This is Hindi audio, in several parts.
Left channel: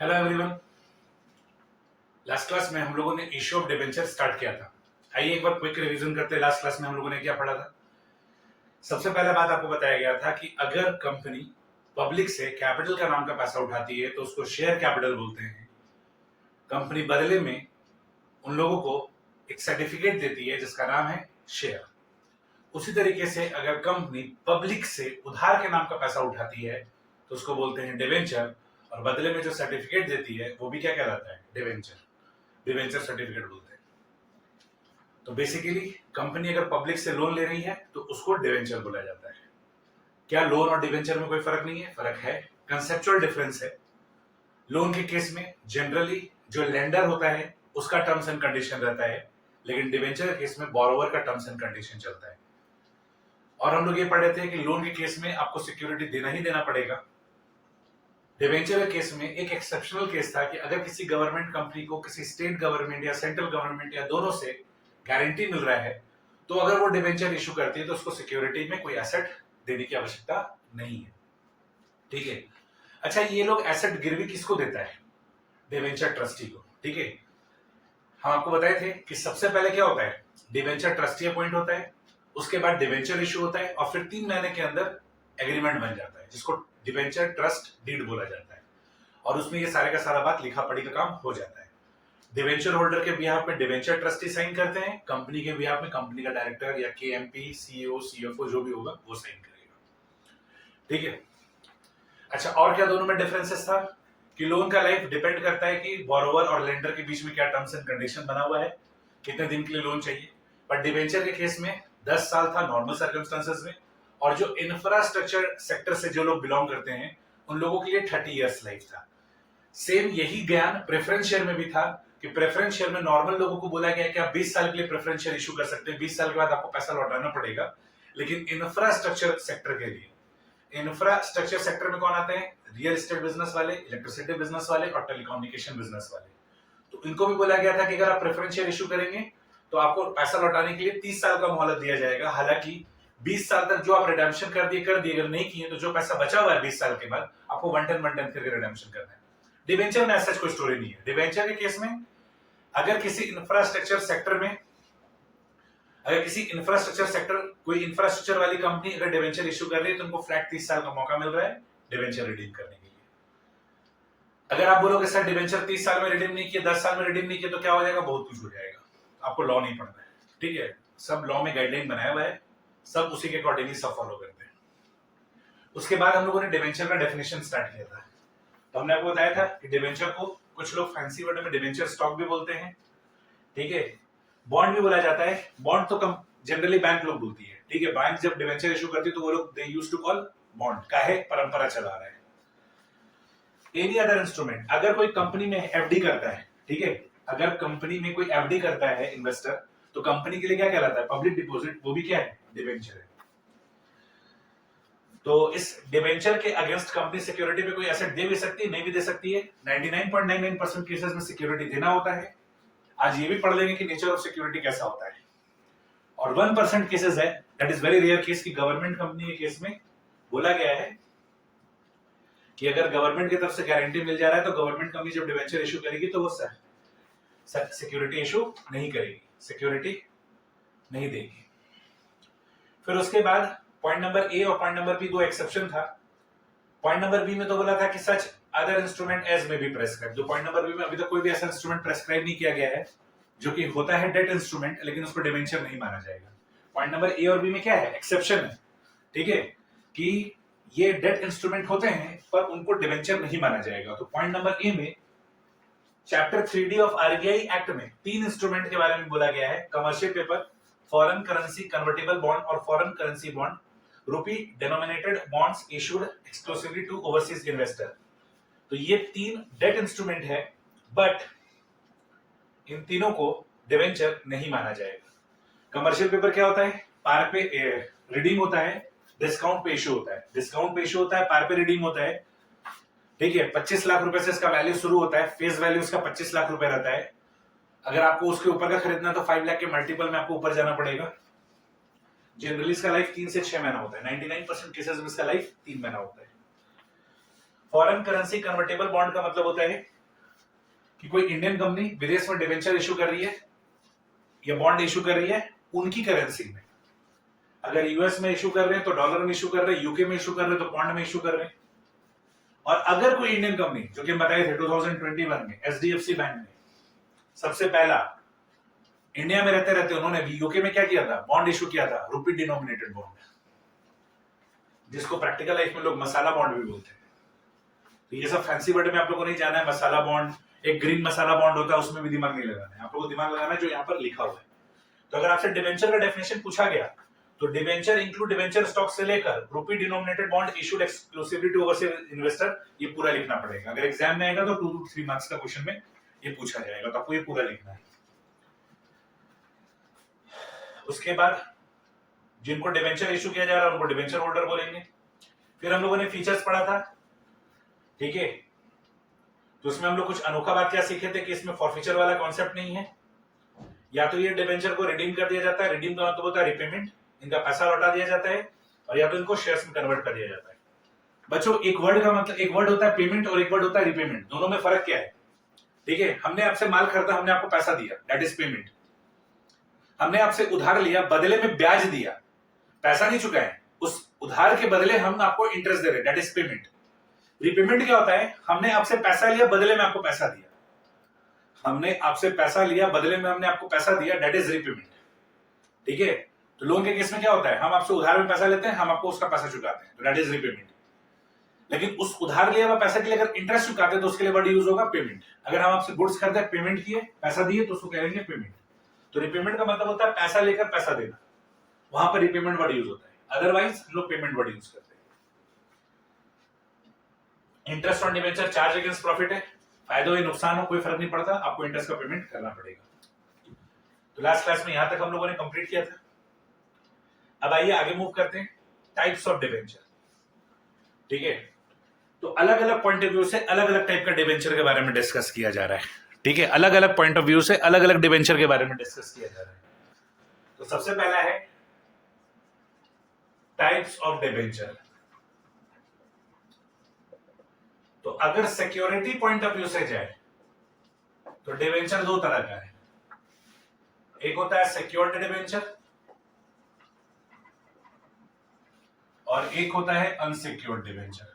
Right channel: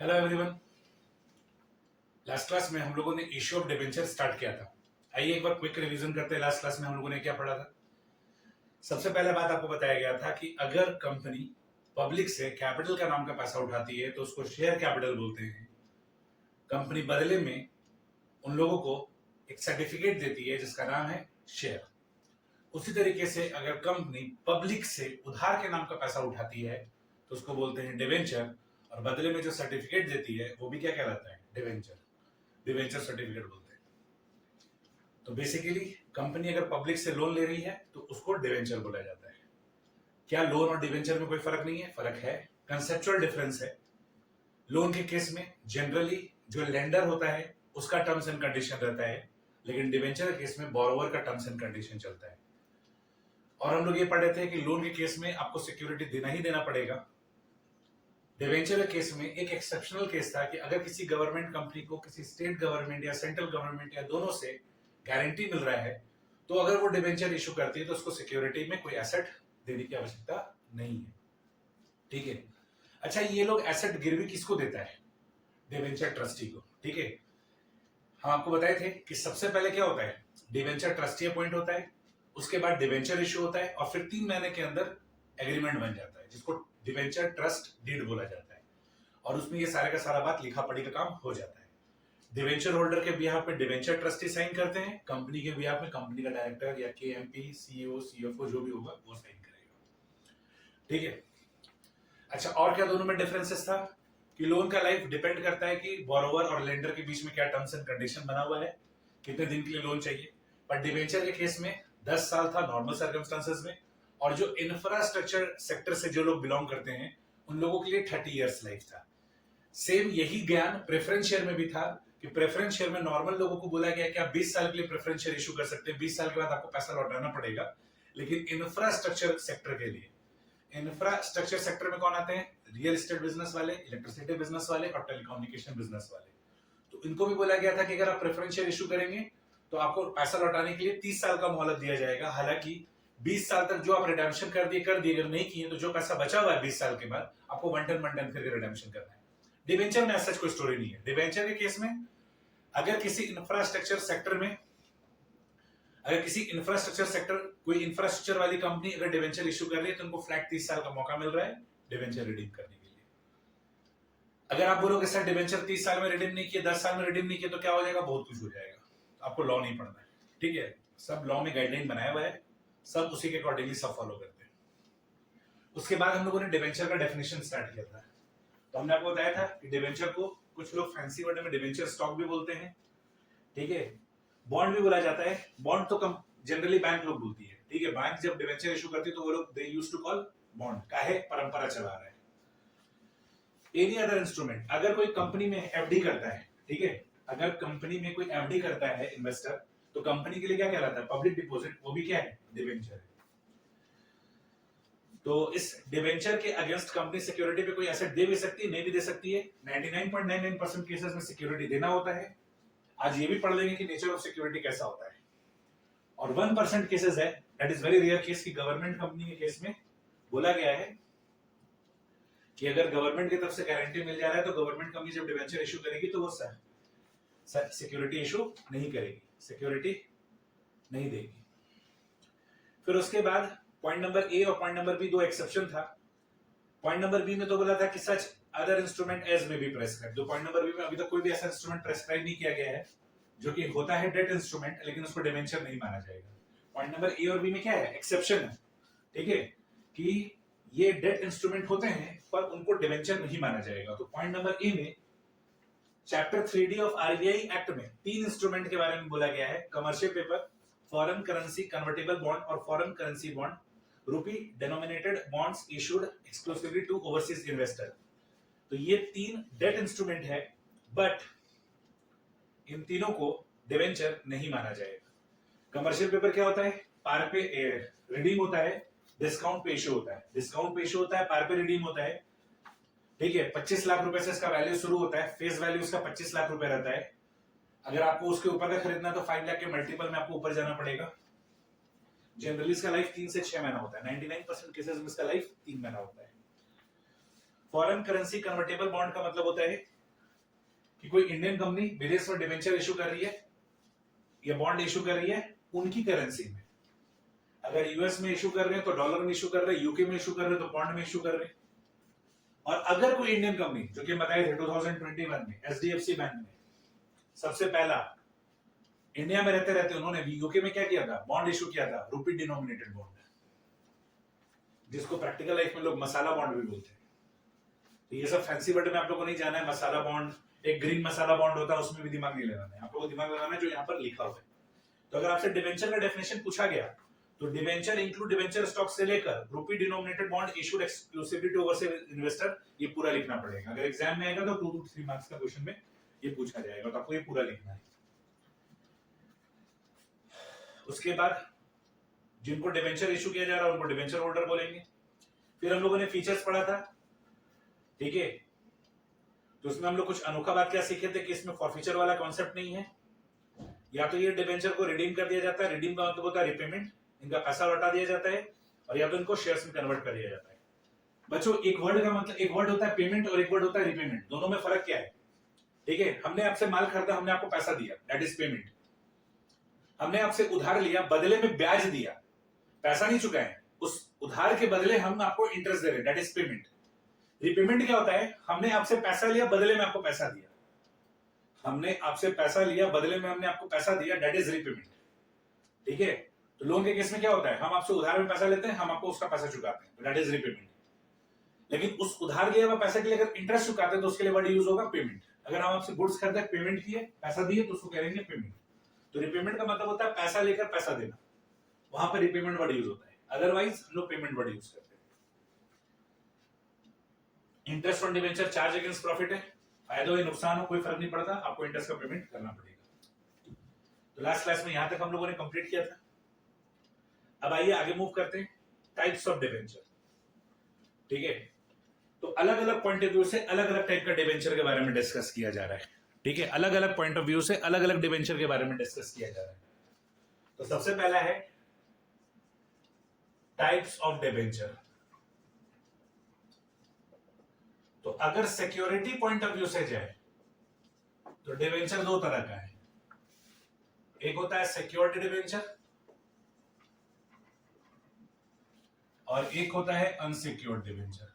Hello everyone. लास्ट क्लास में हम लोगों ने इश्यू ऑफ डिबेंचर स्टार्ट किया था। आइए एक बार क्विक रिवीजन करते हैं। लास्ट क्लास में हम लोगों ने क्या पढ़ा था। सबसे पहले बात आपको बताया गया था कि अगर कंपनी पब्लिक से कैपिटल का नाम का पैसा उठाती है तो उसको शेयर कैपिटल बोलते हैं। कंपनी बदले में उन लोगों को एक सर्टिफिकेट देती है जिसका नाम है शेयर। उसी तरीके से अगर कंपनी पब्लिक से उधार के नाम का पैसा उठाती है तो उसको बोलते हैं डिवेंचर, और बदले में जो सर्टिफिकेट देती है वो भी क्या कहलाता है, डिवेंचर। डिवेंचर सर्टिफिकेट बोलते हैं। तो बेसिकली कंपनी अगर पब्लिक से लोन ले रही है तो उसको डिवेंचर बोला जाता है। क्या लोन और डिवेंचर में कोई फर्क नहीं है? फर्क है, कंसेप्चुअल डिफरेंस है। लोन के केस में जनरली जो लेंडर होता है उसका टर्म्स एंड कंडीशन रहता है, लेकिन डिवेंचर के केस में बोरोवर का टर्म्स एंड कंडीशन चलता है। और हम लोग ये पढ़ रहे थे कि लोन के केस में आपको सिक्योरिटी देना ही देना पड़ेगा। डिवेंचर के केस में एक एक्सेप्शनल केस था कि अगर किसी गवर्नमेंट कंपनी को किसी स्टेट गवर्नमेंट या सेंट्रल गवर्नमेंट या दोनों से गारंटी मिल रहा है तो अगर वो डिवेंचर इशू करती है तो उसको सिक्योरिटी में कोई एसेट देने की आवश्यकता नहीं है। ठीक है। अच्छा, ये लोग एसेट गिरवी किसको देता है? डिवेंचर ट्रस्टी को। ठीक है। हम आपको बताए थे कि सबसे पहले क्या होता है, डिवेंचर ट्रस्टी अपॉइंट होता है, उसके बाद डिवेंचर इशू होता है और फिर 3 महीने के अंदर एग्रीमेंट बन जाता है जिसको डिवेंचर ट्रस्ट डीड बोला जाता है। और उसमें ये सारे का सारा बात लिखा पढ़ी का काम हो जाता है। डिवेंचर होल्डर के बिहाफ में डिवेंचर ट्रस्टी साइन करते हैं, कंपनी के बिहाफ में कंपनी का डायरेक्टर या केएमपी, सीईओ, सीएफओ जो भी होगा वो साइन करेगा। ठीक है। अच्छा, और क्या दोनों में डिफरेंसेस था कि लोन का लाइफ डिपेंड करता है कि बोरोवर और लेंडर के बीच में क्या टर्म्स एंड कंडीशन बना हुआ है, कितने दिन के लिए लोन चाहिए। पर डिवेंचर के केस में 10 साल था नॉर्मल सर्कमस्टांसेस में, और जो इंफ्रास्ट्रक्चर सेक्टर से जो लोग बिलोंग करते हैं उन लोगों के लिए 30 इयर्स लाइफ था। सेम यही ज्ञान प्रेफरेंस शेयर में भी था कि प्रेफरेंस शेयर में नॉर्मल लोगों को बोला गया कि आप 20 साल के लिए प्रेफरेंस शेयर इशू कर सकते हैं, 20 साल के बाद आपको पैसा लौटाना पड़ेगा। लेकिन इंफ्रास्ट्रक्चर सेक्टर के लिए, इंफ्रास्ट्रक्चर सेक्टर में कौन आते हैं? रियल एस्टेट बिजनेस वाले, इलेक्ट्रिसिटी बिजनेस वाले और टेलीकम्युनिकेशन बिजनेस वाले। तो इनको भी बोला गया था कि अगर आप प्रेफरेंस शेयर इशू करेंगे तो आपको पैसा लौटाने के लिए 30 साल का मोहलत दिया जाएगा। हालांकि 20 साल तक जो आप रिडेम्पशन कर दिए, अगर नहीं किए तो जो पैसा बचा हुआ है 20 साल के बाद आपको वन टाइम करके रिडेम्पशन करना है। डिवेंचर में ऐसा कोई स्टोरी नहीं है। डिवेंचर के केस में अगर किसी इंफ्रास्ट्रक्चर सेक्टर में, अगर किसी इंफ्रास्ट्रक्चर सेक्टर, कोई इंफ्रास्ट्रक्चर वाली कंपनी अगर डिवेंचर इशू कर रही है तो उनको फ्लैट 30 साल का मौका मिल रहा है डिवेंचर रिडीम करने के लिए। अगर आप बोलोगे सर डिवेंचर 30 साल में रिडीम नहीं किया, 10 साल में रिडीम नहीं किया तो क्या हो जाएगा? बहुत कुछ हो जाएगा। आपको लॉ नहीं पढ़ना है। ठीक है। सब लॉ में गाइडलाइन बनाया हुआ है, सब उसी के अकॉर्डिंगली सब फॉलो करते हैं। उसके बाद हम लोगों ने डिवेंचर का डेफिनेशन स्टार्ट किया था। तो हमने आपको बताया था कि डिवेंचर को कुछ लोग फैंसी वर्ड में डिवेंचर स्टॉक भी बोलते हैं। ठीक है। बॉन्ड भी बोला जाता है। बॉन्ड तो कम जनरली बैंक लोग बोलती है। ठीक है। बैंक जब डिवेंचर इशू करती है तो वो लोग they used to call bond. काहे? परंपरा चला रहा है। एनी अदर इंस्ट्रूमेंट, अगर कोई कंपनी में एफडी करता है, ठीक है, अगर कंपनी में कोई एफडी करता है इन्वेस्टर, तो कंपनी के लिए क्या कहलाता है? Public deposit. वो भी क्या है? डिवेंचर है। तो इस डिवेंचर के अगेंस्ट कंपनी सिक्योरिटी पे कोई एसेट दे भी सकती है, नहीं भी दे सकती है। 99.99% केसेस में सिक्योरिटी देना होता है। आज ये भी पढ़ लेंगे कि नेचर ऑफ सिक्योरिटी कैसा होता है। और 1% केसेस है, that is very rare case, की गवर्नमेंट कंपनी के केस में बोला गया है कि अगर गवर्नमेंट की तरफ से गारंटी मिल जा रहा है तो गवर्नमेंट कंपनी जब डिवेंचर इशू करेगी तो वो सिक्योरिटी इशू नहीं करेगी, सिक्योरिटी नहीं देगी। फिर उसके बाद पॉइंट नंबर ए और पॉइंट नंबर बी दो एक्सेप्शन था। पॉइंट नंबर बी में तो बोला था कि सच अदर इंस्ट्रूमेंट एज में बी प्रेस्क्राइब। जो पॉइंट नंबर बी में अभी तक कोई भी ऐसा इंस्ट्रूमेंट प्रेस्क्राइब नहीं किया गया है जो कि होता है डेट इंस्ट्रूमेंट, लेकिन उसको डिवेंचर नहीं माना जाएगा। पॉइंट नंबर ए और बी में क्या है? एक्सेप्शन है। ठीक है, कि ये डेट इंस्ट्रूमेंट होते हैं पर उनको डिवेंचर नहीं माना जाएगा। तो पॉइंट नंबर ए में chapter 3D of RBI act में 3 इंस्ट्रूमेंट के बारे में बोला गया है: commercial paper, foreign currency convertible bond और foreign currency bond, rupee denominated bonds issued exclusively to overseas investor. तो ये 3 डेट इंस्ट्रूमेंट है, बट इन तीनों को डिवेंचर नहीं माना जाएगा। कमर्शियल पेपर क्या होता है? पार पे रिडीम होता है, डिस्काउंट पे इशू होता है। डिस्काउंट पे इशू होता है, पार पे रिडीम होता है। ठीक है। 25 लाख रुपए से इसका वैल्यू शुरू होता है, फेस वैल्यू इसका 25 लाख रुपए रहता है। अगर आपको उसके ऊपर का खरीदना तो 5 लाख के मल्टीपल में आपको ऊपर जाना पड़ेगा। जनरली इसका लाइफ 3 से 6 महीना होता है। 99% केसेस में इसका लाइफ 3 महीना होता है। फॉरेन करेंसी कन्वर्टेबल बॉन्ड का मतलब होता है कि कोई इंडियन कंपनी विदेश में डिवेंचर इशू कर रही है या बॉन्ड इशू कर रही है उनकी करेंसी में। अगर यूएस में इशू कर रहे हैं तो डॉलर में इशू कर रहे हैं, यूके में इशू कर रहे हैं तो पॉन्ड में इशू कर रहे हैं। और अगर कोई इंडियन कंपनी, जो कि हम बताए थे 2021 में एचडीएफसी बैंक ने सबसे पहला इंडिया में रहते रहते उन्होंने भी यूके में क्या किया था, बॉन्ड इशू किया था, रुपी डिनोमिनेटेड बॉन्ड, जिसको प्रैक्टिकल लाइफ में लोग मसाला बॉन्ड भी बोलते हैं। तो ये सब फैंसी वर्ड में आप लोगों को नहीं जाना है। मसाला बॉन्ड, एक ग्रीन मसाला बॉन्ड होता है, उसमें भी दिमाग नहीं लगाना है, आप लोगों को दिमाग लगाना है जो यहाँ पर लिखा हुआ है। तो अगर आपसे डिवेंचर का डेफिनेशन पूछा गया तो डिवेंचर इंक्लूड डिवेंचर स्टॉक से लेकर rupee denominated bond issued exclusively to overseas investor, ये पूरा लिखना पड़ेगा। अगर एग्जाम में आएगा तो 2 to 3 मार्क्स का क्वेश्चन में ये पूछा जाएगा, तो आपको ये पूरा लिखना है। उसके बाद जिनको डिवेंचर इशू किया जा रहा है उनको डिवेंचर होल्डर बोलेंगे। फिर हम लोगों ने फीचर्स पढ़ा था, ठीक है। तो उसमें हम लोग कुछ अनोखा बात क्या सीखे थे कि इसमें फॉरफीचर वाला कॉन्सेप्ट नहीं है। या तो ये डिवेंचर को रिडीम कर दिया जाता है, रिडीम का मतलब होता है रिपेमेंट, इनका पैसा लौटा दिया जाता है, और या तो इनको शेयर्स में कन्वर्ट कर दिया जाता है। बच्चों एक वर्ड का मतलब, एक वर्ड होता है पेमेंट और एक वर्ड होता है रिपेमेंट, दोनों में फर्क क्या है, ठीक है। हमने आपसे माल खरीदा, हमने आपको पैसा दिया, दैट इज पेमेंट। हमने आपसे उधार लिया, बदले में ब्याज दिया, पैसा नहीं चुकाए, उस उधार के बदले हम आपको इंटरेस्ट दे रहे हैं, दैट इज पेमेंट। रिपेमेंट क्या होता है, हमने आपसे पैसा लिया, बदले में आपको पैसा दिया, हमने आपसे पैसा लिया, बदले में हमने आपको पैसा दिया, दैट इज रिपेमेंट, ठीक है। तो लोन के केस में क्या होता है, हम आपसे उधार में पैसा लेते हैं, हम आपको उसका पैसा चुकाते हैं, तो दैट इज रिपेमेंट। लेकिन उस उधार लिया हुआ पैसा के लिए अगर इंटरेस्ट चुकाते हैं तो उसके लिए वर्ड यूज होगा पेमेंट। अगर हम आपसे गुड्स खरीदे, पेमेंट किए, पैसा दिए, तो उसको कहेंगे पेमेंट। तो रिपेमेंट का मतलब होता है पैसा लेकर पैसा देना, वहां पर रिपेमेंट वर्ड यूज होता है, अदरवाइज हम लोग पेमेंट वर्ड यूज करते हैं। Interest on debenture charge against profit है, फायदा हो नुकसान हो कोई फर्क नहीं पड़ता, आपको इंटरेस्ट का पेमेंट करना पड़ेगा। तो लास्ट क्लास में यहां तक हम लोगों ने कंप्लीट किया था। अब आइए आगे मूव करते हैं, टाइप्स ऑफ डिवेंचर, ठीक है। तो अलग अलग पॉइंट ऑफ व्यू से अलग अलग टाइप का डिवेंचर के बारे में डिस्कस किया जा रहा है, ठीक है। अलग अलग पॉइंट ऑफ व्यू से अलग अलग डिवेंचर के बारे में डिस्कस किया जा रहा है। तो सबसे पहला है टाइप्स ऑफ डिवेंचर। तो अगर सिक्योरिटी पॉइंट ऑफ व्यू से जाए तो डिवेंचर 2 तरह का है, एक होता है सिक्योर्ड डिवेंचर और एक होता है अनसिक्योर्ड डिवेंचर।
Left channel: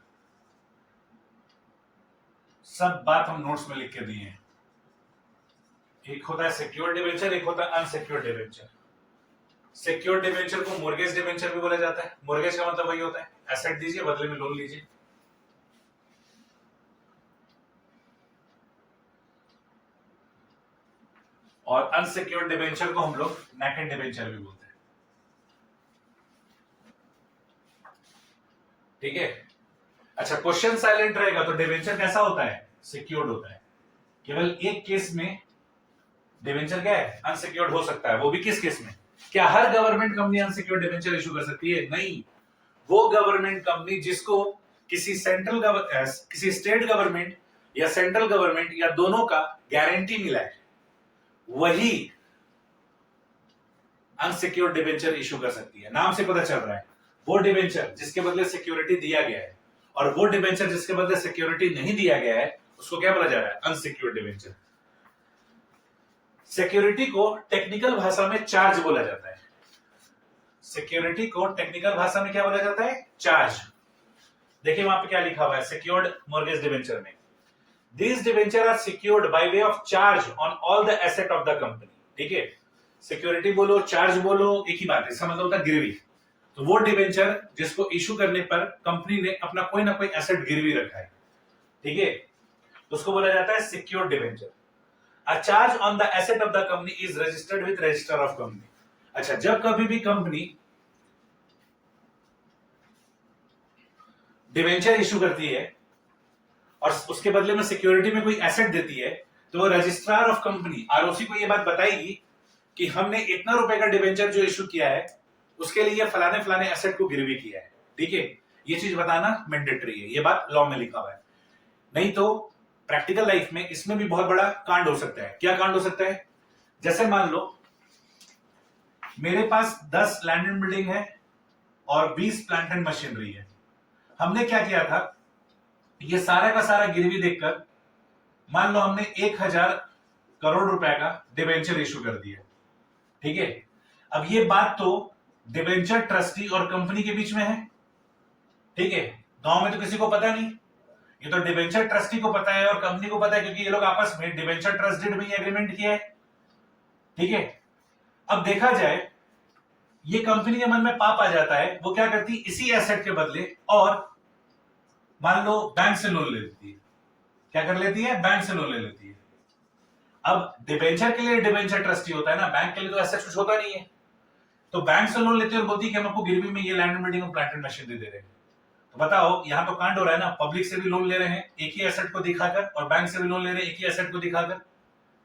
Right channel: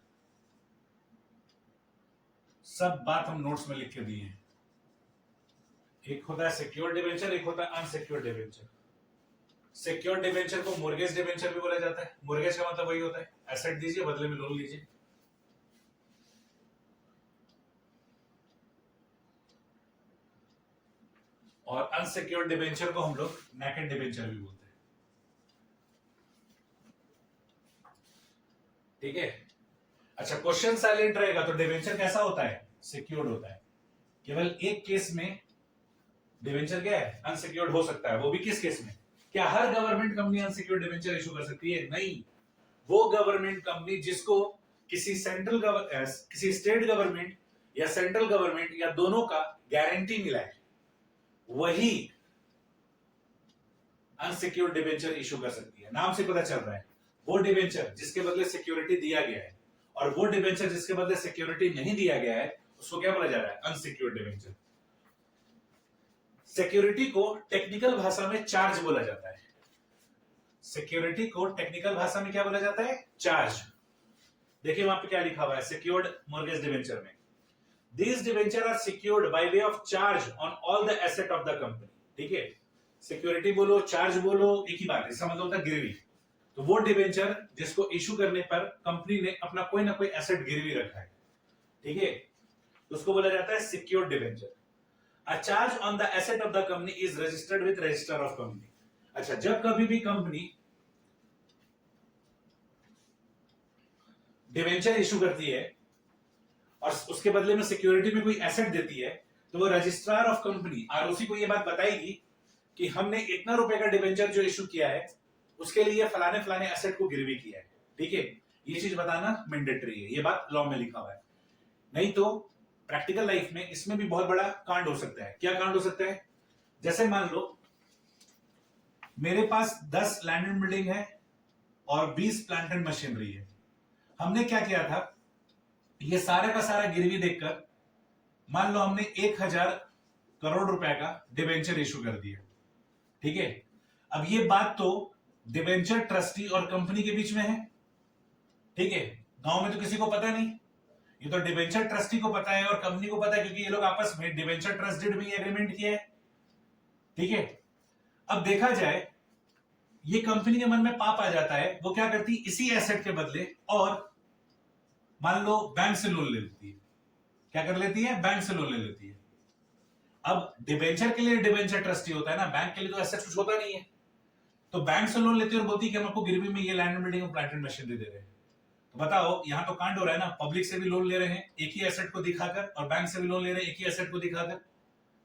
सब बात हम नोट्स में लिख के दिए हैं। एक होता है सिक्योर्ड डिवेंचर, एक होता है अनसिक्योर्ड डिवेंचर। सिक्योर्ड डिवेंचर को मोर्गेज डिवेंचर भी बोला जाता है। मोर्गेज का मतलब वही होता है एसेट दीजिए बदले में लोन लीजिए। और अनसिक्योर्ड डिवेंचर को हम लोग नेकेड डिवेंचर भी बोलते हैं, ठीक है। अच्छा, क्वेश्चन साइलेंट रहेगा तो डिवेंचर कैसा होता है, सिक्योर्ड होता है। केवल एक केस में डिवेंचर क्या है, अनसिक्योर्ड हो सकता है, वो भी किस केस में, क्या हर government company unsecured debenture issue कर सकती है? नहीं, वो गवर्नमेंट कंपनी जिसको किसी किसी स्टेट गवर्नमेंट या सेंट्रल गवर्नमेंट या दोनों का गारंटी मिला है, वही अनसिक्योर्ड डिवेंचर इशू कर सकती है। नाम से पता चल रहा है, वो डिवेंचर जिसके बदले सिक्योरिटी दिया गया है और वो डिवेंचर जिसके बदले सिक्योरिटी नहीं दिया गया है, उसको क्या बोला जा रहा है, अनसिक्योर्ड डिवेंचर। सिक्योरिटी को टेक्निकल भाषा में चार्ज बोला जाता है। सिक्योरिटी को टेक्निकल भाषा में क्या बोला जाता है, चार्ज। देखिए वहां पे क्या लिखा हुआ है सिक्योर्ड मॉर्गेज डिवेंचर में, These debenture are secured by way of charge on all the asset of the company, ठीक है। सिक्योरिटी बोलो चार्ज बोलो एक ही बात है, इसका मतलब होता है गिरवी। तो वो डिवेंचर जिसको इशू करने पर कंपनी ने अपना कोई ना कोई एसेट गिरवी रखा है, ठीक है, उसको बोला जाता है secured debenture. A charge on the asset of the company is registered with register of company. अच्छा, जब कभी भी कंपनी डिवेंचर इशू करती है और उसके बदले में सिक्योरिटी में कोई एसेट देती है, तो वो रजिस्ट्रार ऑफ कंपनी आरओसी को ये बात बताएगी कि हमने इतना रुपए का डिवेंचर जो इशू किया है उसके लिए फलाने फलाने एसेट को गिरवी किया है, ठीक है। ये चीज बताना मैंडेटरी है, ये बात लॉ में लिखा हुआ है। नहीं तो प्रैक्टिकल लाइफ में इसमें भी बहुत बड़ा कांड हो सकता है। क्या कांड हो सकता है, जैसे मान लो मेरे पास 10 लैंड एंड बिल्डिंग है और 20 प्लांट एंड मशीनरी है। हमने क्या किया था, ये सारा का सारा गिरवी देखकर मान लो हमने 1000 करोड़ रुपए का डिबेंचर इशू कर दिया, ठीक है। अब ये बात तो डिबेंचर ट्रस्टी और कंपनी के बीच में है, ठीक है। गांव में तो किसी को पता नहीं, ये तो डिबेंचर ट्रस्टी को पता है और कंपनी को पता है, क्योंकि ये लोग आपस में डिबेंचर ट्रस्टेड में एग्रीमेंट किया है, ठीक है। अब देखा जाए, ये कंपनी के मन में पाप आ जाता है, वो क्या करती है, इसी एसेट के बदले और मान लो बैंक से लोन ले लेती है। क्या कर लेती है, बैंक से लोन ले लेती है। अब डिबेंचर के लिए डिबेंचर ट्रस्टी होता है ना, बैंक के लिए तो एसेट कुछ होता नहीं है। तो बैंक से लोन लेती है और बोलती है कि हम आपको गिरवी में ये लैंड बिल्डिंग और प्लांट एंड मशीनरी दे रहे हैं। तो बताओ, यहां तो कांड हो रहा है ना, पब्लिक से भी लोन ले रहे हैं एक ही एसेट को दिखाकर, और बैंक से भी लोन ले रहे हैं एक ही एसेट को दिखाकर।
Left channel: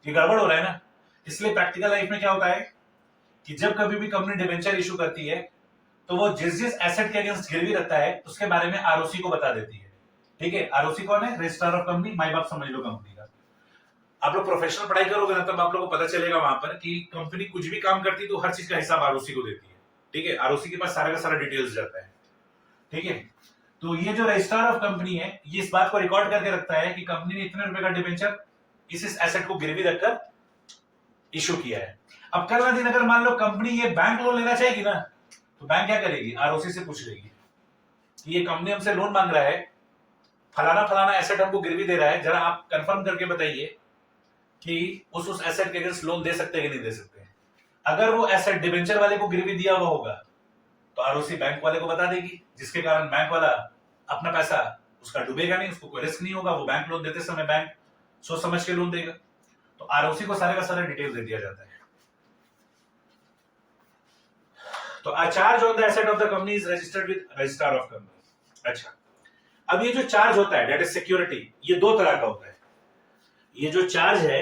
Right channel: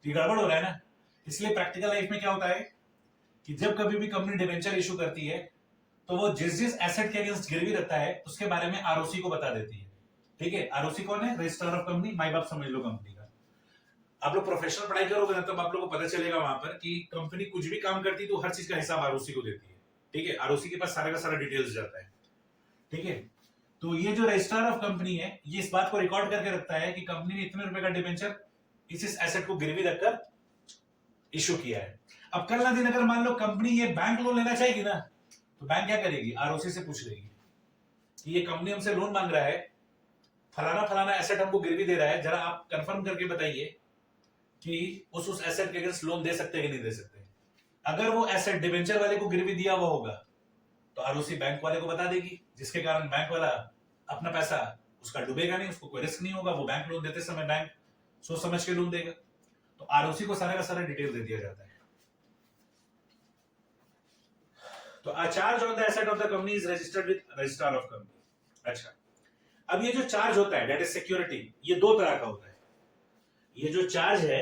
ये गड़बड़ हो रहा है ना। इसलिए प्रैक्टिकल लाइफ में क्या होता है कि जब कभी भी कंपनी डिबेंचर इशू करती है, तो वो जिस जिस एसेट के अगेंस्ट गिरवी रखता है उसके बारे में आरओसी को बता देती है, ठीक है। आरओसी कौन है, रजिस्ट्रार ऑफ कंपनी, माई बाप समझ लो कंपनी का। आप लोग प्रोफेशनल पढ़ाई करोगे ना, तब आप लोग को पता चलेगा वहां पर कि कंपनी कुछ भी काम करती है तो हर चीज का हिसाब आरओसी को देती है, ठीक है। आरओसी के पास सारा का सारा डिटेल्स जाता है, ठीक है। तो ये जो रजिस्ट्रार ऑफ कंपनी है, ये इस बात को रिकॉर्ड करके रखता है कि कंपनी ने इतने रुपए का डिबेंचर इस एसेट को गिरवी रखकर इशू किया है। अब कल ना दिन अगर मान लो कंपनी ये बैंक लोन लेना चाहेगी ना, तो बैंक क्या करेगी, आरओसी से पूछ लेगी कि ये कंपनी हमसे लोन मांग रहा है, फलाना फलाना एसेट हमको गिरवी दे रहा है, जरा आप कंफर्म करके बताइए कि उस एसेट के अगेंस्ट लोन दे सकते हैं कि नहीं दे सकते। अगर वो एसेट डिबेंचर वाले को गिरवी दिया हुआ होगा तो आरओसी बैंक वाले को बता देगी, जिसके कारण बैंक वाला अपना पैसा उसका डूबेगा नहीं, उसको कोई रिस्क नहीं होगा। वो बैंक लोन देते समय बैंक सोच समझ के लोन देगा। तो आरओसी को सारे का सारा डिटेल दे दिया जाता है। तो charge on the asset of the company is registered with registrar of company. अच्छा, अब ये जो चार्ज होता है, दैट इज सिक्योरिटी, ये दो तरह का होता है। ये जो चार्ज है,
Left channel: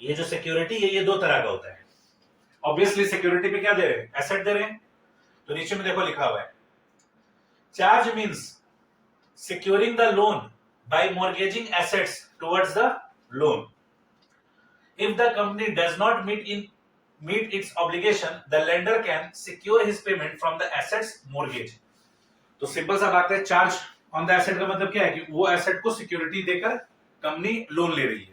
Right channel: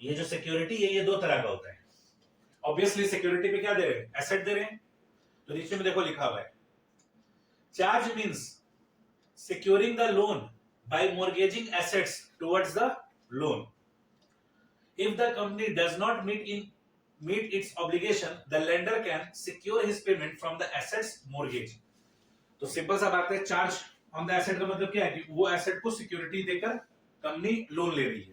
ये जो सिक्योरिटी है, ये दो तरह का होता है। ऑब्वियसली सिक्योरिटी पे क्या दे रहे हैं, एसेट दे रहे हैं। तो नीचे में देखो लिखा हुआ है, charge means securing the loan by mortgaging assets towards the loan. If the company does not meet its obligation, the lender can secure his payment from the assets mortgage. तो सिंपल सा बात है, चार्ज ऑन द एसेट का मतलब क्या है कि वो एसेट को सिक्योरिटी देकर कंपनी लोन ले रही है।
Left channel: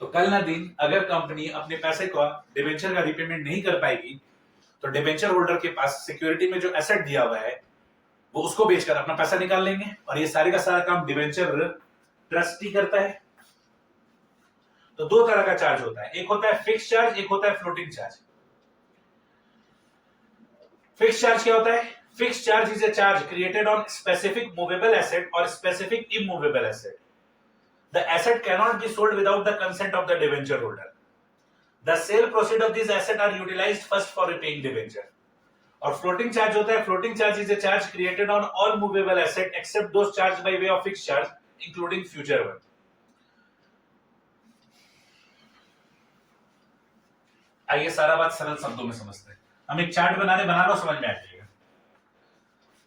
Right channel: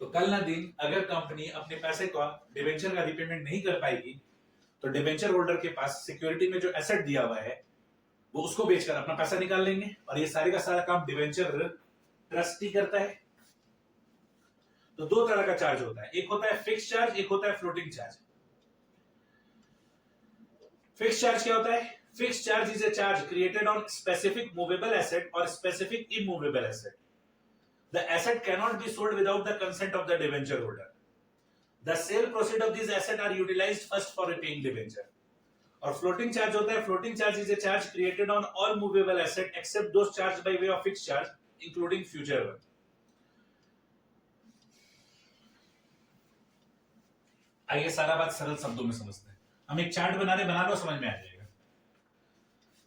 तो कल ना दिन अगर कंपनी अपने पैसे का डिबेंचर का रिपेमेंट नहीं कर पाएगी, तो डिबेंचर होल्डर के पास सिक्योरिटी में जो एसेट दिया हुआ है वो उसको बेचकर अपना पैसा निकाल लेंगे, और ये सारे का सारा काम डिबेंचर ट्रस्टी करता है। तो दो तरह का चार्ज होता है, एक होता है फिक्स चार्ज, एक होता है फ्लोटिंग चार्ज। फिक्स चार्ज क्या होता है, fix charge is a charge created on specific movable asset और specific immovable asset. The asset cannot be sold without the consent of the debenture holder. The sale proceed of this asset are utilised first for repaying debenture. और फ्लोटिंग चार्ज होता है, floating charge is a charge created on all movable asset except those charge by way of fix charge including future one. आइए सारा बात सरल शब्दों में समझते हैं। हम एक चार्ट बना लो, समझ में आ जाएगा।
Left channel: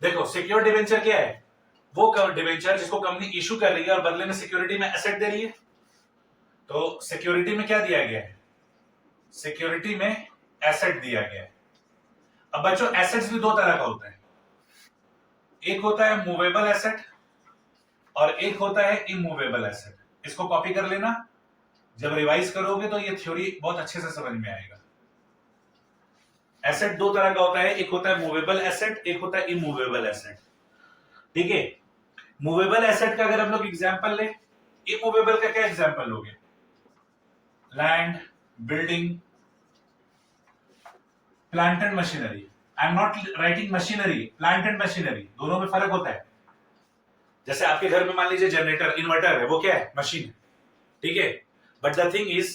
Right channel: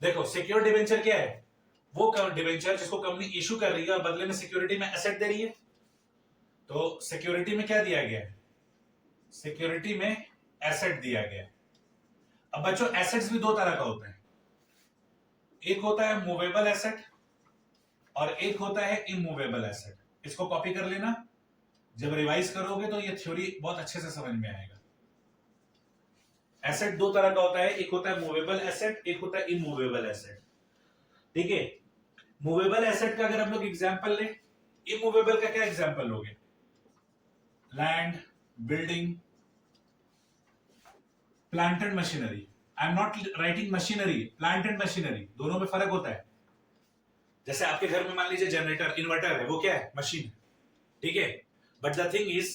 देखो, सिक्योर डिबेंचर क्या है, वो डिबेंचर जिसको कंपनी इशू कर रही है और बदले में सिक्योरिटी में एसेट दे रही है। तो सिक्योरिटी में क्या दिया गया है, सिक्योरिटी में एसेट दिया गया है। अब बच्चों, एसेट्स भी दो तरह का होता है, एक होता है मूवेबल एसेट और एक होता है इमूवेबल एसेट। इसको कॉपी कर लेना, जब रिवाइज करोगे तो ये थ्योरी बहुत अच्छे से समझ में आएगा। एसेट दो तरह का होता है, एक होता है मूवेबल एसेट, एक होता है इमूवेबल एसेट, ठीक है। मूवेबल एसेट का अगर हम लोग एग्जांपल ले, इमूवेबल का क्या एग्जांपल लोगे, land, building, plant and machinery. I am not writing machinery, plant and machinery, दोनों में फर्क होता है। जैसे आपके घर में मान लीजिए जनरेटर, इन्वर्टर है, वो क्या है, मशीन है, ठीक है। बट द थिंग इज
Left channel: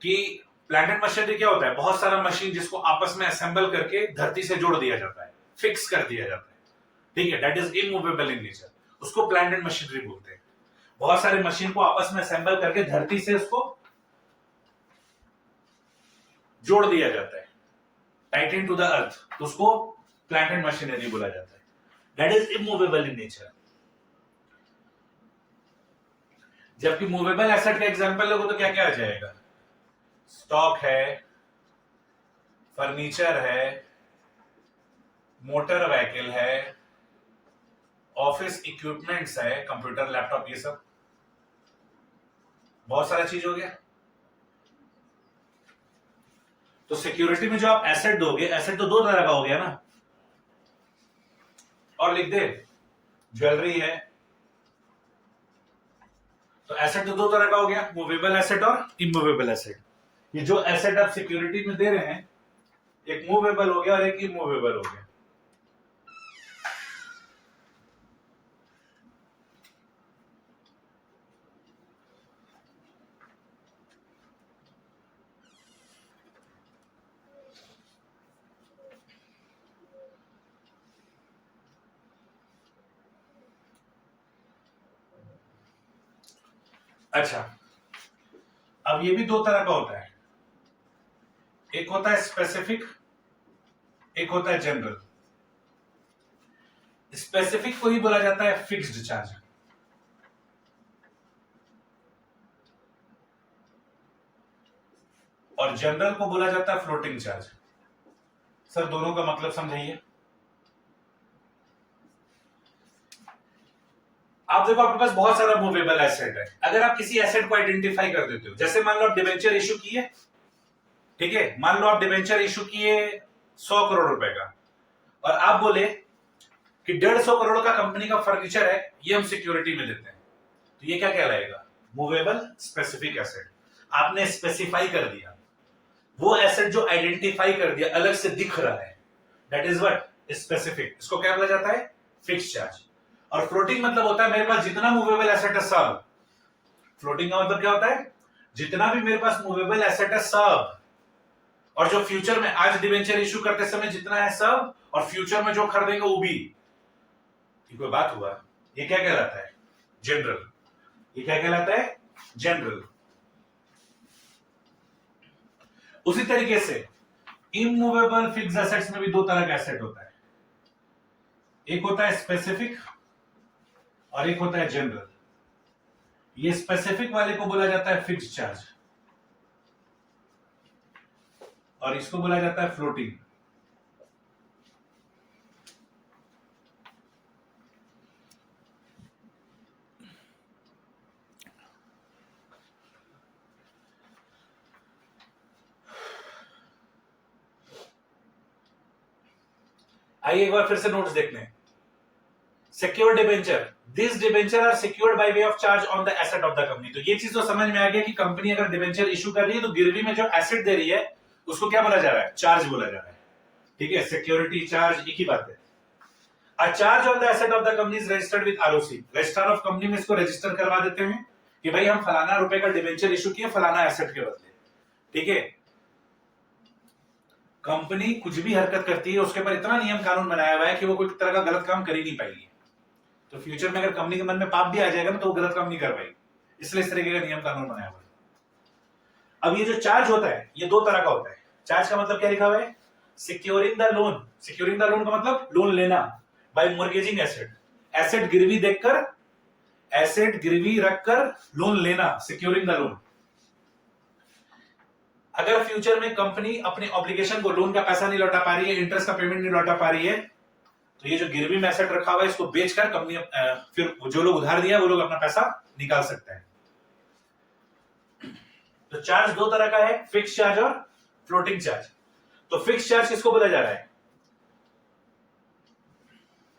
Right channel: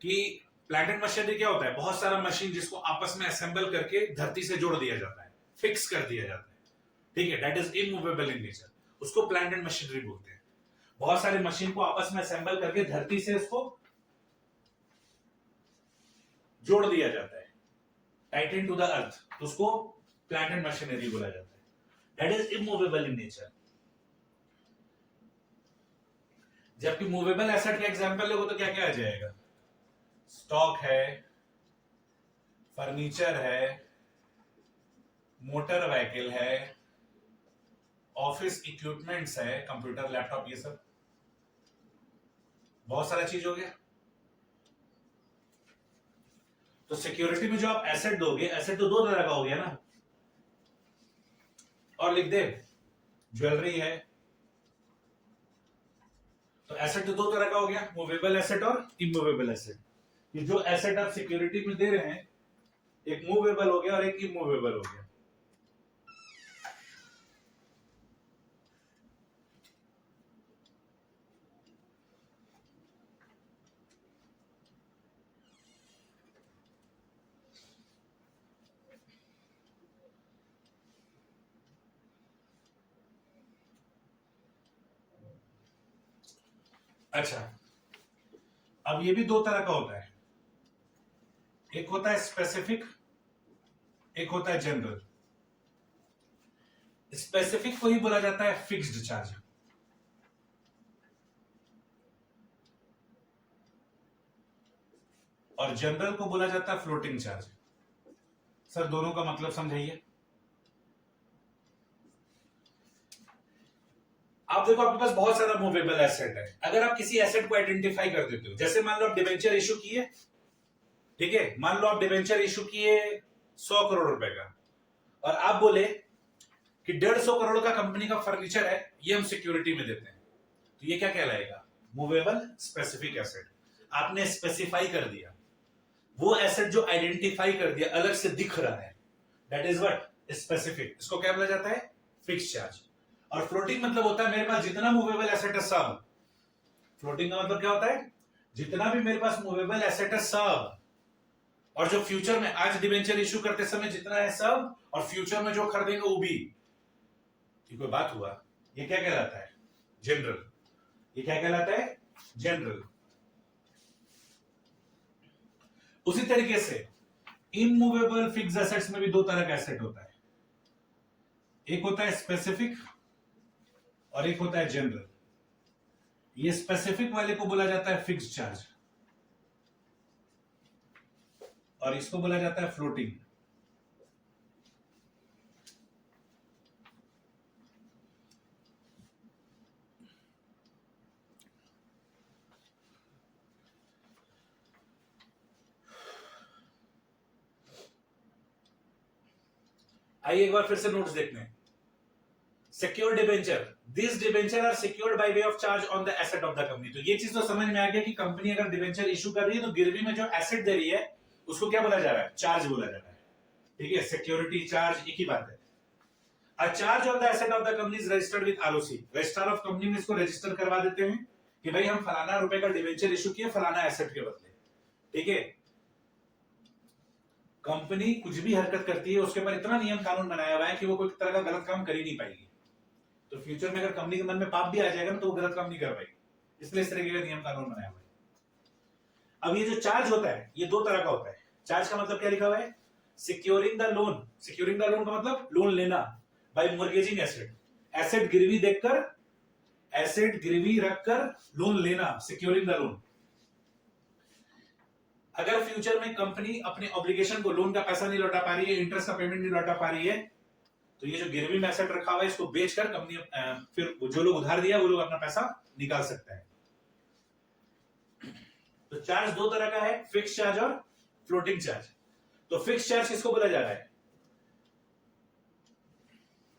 कि प्लांट एंड मशीनरी क्या होता है, बहुत सारा मशीन जिसको आपस में असेंबल करके धरती से जोड़ दिया जाता है, फिक्स कर दिया जाता है, ठीक है। That is immovable in nature, उसको प्लांट एंड मशीनरी बोलते हैं। बहुत सारे मशीन को आपस में असेंबल करके धरती से उसको जोड़ दिया जाता है, टाइटन टू द अर्थ, तो उसको प्लांट एंड मशीनरी बोला जाता है। That is immovable in nature. जबकि मूवेबल एसेट का एग्जांपल लोगों तो क्या क्या आ जाएगा, स्टॉक है, फर्नीचर है, मोटर व्हीकल है, ऑफिस इक्विपमेंट्स है, कंप्यूटर लैपटॉप ये सब, बहुत सारा चीज हो गया। तो सिक्योरिटी में जो आप एसेट दोगे, एसेट तो दो तरह का हो गया ना, और लिख दे ज्वेलरी है, तो एसेट तो दो तरह का हो गया, मूवेबल एसेट और इमूवेबल एसेट। ये जो एसेट आप सिक्योरिटी में दे रहे हैं, एक मूवेबल हो गया और एक इमूवेबल हो गया। अच्छा, अब ये भी दो तरह का होता है, एक होता है स्पेसिफिक, एक होता है जनरल। स्पेसिफिक को ही बोला जाता है फिक्स्ड चार्ज, और जनरल को बोला जाता है फ्लोटिंग चार्ज। सर दोनों का मतलब समझाइए। आप देखो, आपके पास बहुत सारा मूवेबल एसेट है। अगर आप किसी एसेट को आइडेंटिफाई कर देते हो, जैसे मान लो आप डिबेंचर इशू किए, ठीक है, मान लो आप डिबेंचर इशू किए 100 करोड़ रुपए का, और आप बोले कि 150 करोड़ का कंपनी का फर्नीचर है, ये हम सिक्योरिटी में देते हैं, तो ये क्या कहलाएगा? Movable specific asset. आपने स्पेसिफाई कर दिया, वो एसेट जो आइडेंटिफाई कर दिया, अलग से दिख रहा है, दैट इज व्हाट स्पेसिफिक। इसको क्या बोला जाता है? Fix charge. और फ्लोटिंग मतलब होता है मेरे पास जितना मूवेबल एसेट है सब। फ्लोटिंग का मतलब क्या होता है? जितना भी मेरे पास मूवेबल एसेट है सब, और जो फ्यूचर में आज डिवेंचर इशू करते समय जितना है सब, और फ्यूचर में जो खरीदेंगे वो भी। कोई बात हुआ? ये क्या कहलाता है? जनरल। ये क्या कहलाता है? जनरल। उसी तरीके से इमूवेबल फिक्स एसेट्स में भी दो तरह का एसेट होता है, एक होता है स्पेसिफिक और एक होता है जनरल। ये स्पेसिफिक वाले को बोला जाता है फिक्स चार्ज, और इसको बोला जाता है फ्लोटिंग। आइए एक बार फिर से नोट्स देखते हैं। Secure debenture, this debenture are secured by way of charge on the asset of the company. तो ये चीज तो समझ में आ गया कि कंपनी अगर डिबेंचर इशू कर रही है तो गिरवी में जो एसेट दे रही है उसको क्या बोला जा रहा है? चार्ज बोला जा रहा है। ठीक है, सिक्योरिटी चार्ज एक ही बात है। A charge on the asset of the company is registered with ROC। Registrar of company में इसको रजिस्टर करवा देते हैं कि भाई हम फलाना रुपए का डिबेंचर इशू किए फलाना एसेट के बदले। ठीक है, कंपनी कुछ भी हरकत करती है उसके ऊपर इतना नियम कानून बनाया हुआ है कि वो कोई तरह का गलत काम कर ही नहीं पाएगी। तो फ्यूचर में अगर कंपनी के मन में पाप भी आ जाएगा ना तो वो गलत काम नहीं कर पाएगी, इसलिए इस तरीके का नियम कानून बनाया हुआ है। अब ये जो चार्ज होता है ये दो तरह का होता है। चार्ज का मतलब क्या लिखा हुआ है? Securing the loan. Securing the loan का मतलब लोन लेना, बाय मॉर्गेजिंग एसेट। एसेट गिरवी देखकर, एसेट गिरवी रखकर लोन लेना, सिक्योरिंग द लोन। अगर फ्यूचर में कंपनी अपने ऑब्लिगेशन को, लोन का पैसा नहीं लौटा पा रही है, इंटरेस्ट का पेमेंट नहीं लौटा पा रही है, तो ये जो गिरवी में एसेट रखा हुआ है इसको बेचकर कंपनी फिर जो लोग उधार दिया वो लोग अपना पैसा निकाल सकते हैं। तो चार्ज दो तरह का है, फिक्स चार्ज और फ्लोटिंग चार्ज। तो फिक्स चार्ज किसको बोला जा रहा है?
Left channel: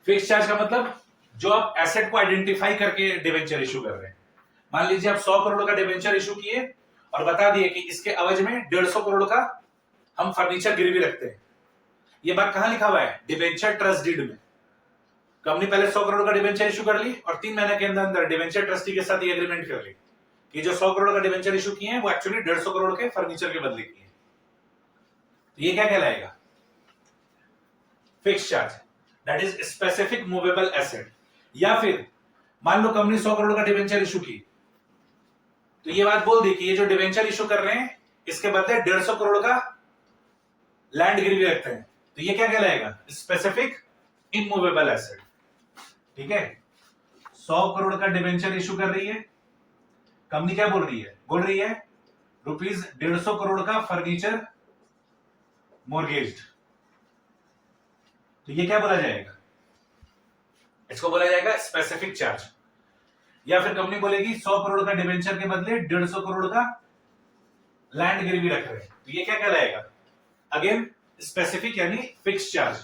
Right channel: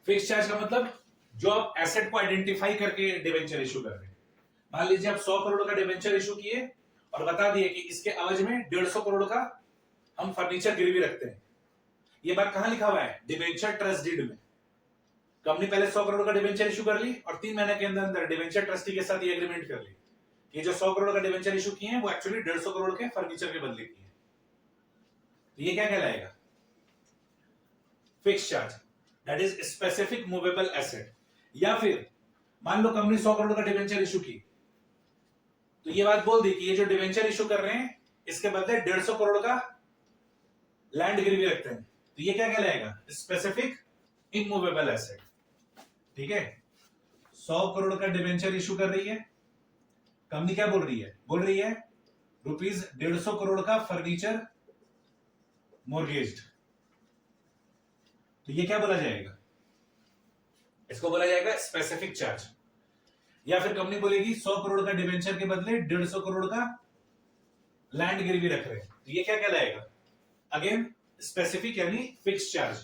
फिक्स चार्ज का मतलब जो आप एसेट को आइडेंटिफाई करके डिवेंचर इशू कर रहे हैं। मान लीजिए आप 100 करोड़ का डिवेंचर इशू किए और बता दिए कि इसके एवज में 150 करोड़ का हम फर्नीचर गिरवी रखते हैं। ये बात कहां लिखा हुआ है? डिवेंचर ट्रस्ट डीड में। कंपनी पहले 100 करोड़ का डिवेंचर इशू कर ली और 3 महीने के अंदर डिवेंचर ट्रस्टी के साथ ये एग्रीमेंट कर ली कि जो 100 करोड़ का डिवेंचर इशू किए हैं वो एक्चुअली 150 करोड़ के फर्नीचर के बदले किए। तो ये क्या कहलाएगा? Fix charge, that is specific movable asset. या फिर मान लो कंपनी 100 करोड़ का डिवेंचर इशू की, तो ये बात बोल दी कि ये जो डिवेंचर इशू कर रहे हैं इसके बदले 150 करोड़ का लैंड गिरवी रखते हैं, तो ये क्या कहलाएगा? Specific immovable asset. ठीक है, 100 करोड़ का डिवेंचर इशू कर रही है कंपनी, क्या बोल रही है? बोल रही है रुपीज 150 करोड़ का फर्नीचर मॉर्गेज्ड, तो ये क्या बोला जाएगा? इसको बोला जाएगा स्पेसिफिक चार्ज। या फिर कंपनी बोलेगी 100 करोड़ का डिवेंचर के बदले 150 करोड़ का लैंड गिरवी रख रहे हैं, तो ये क्या कहलाएगा? अगेन स्पेसिफिक यानी फिक्स चार्ज।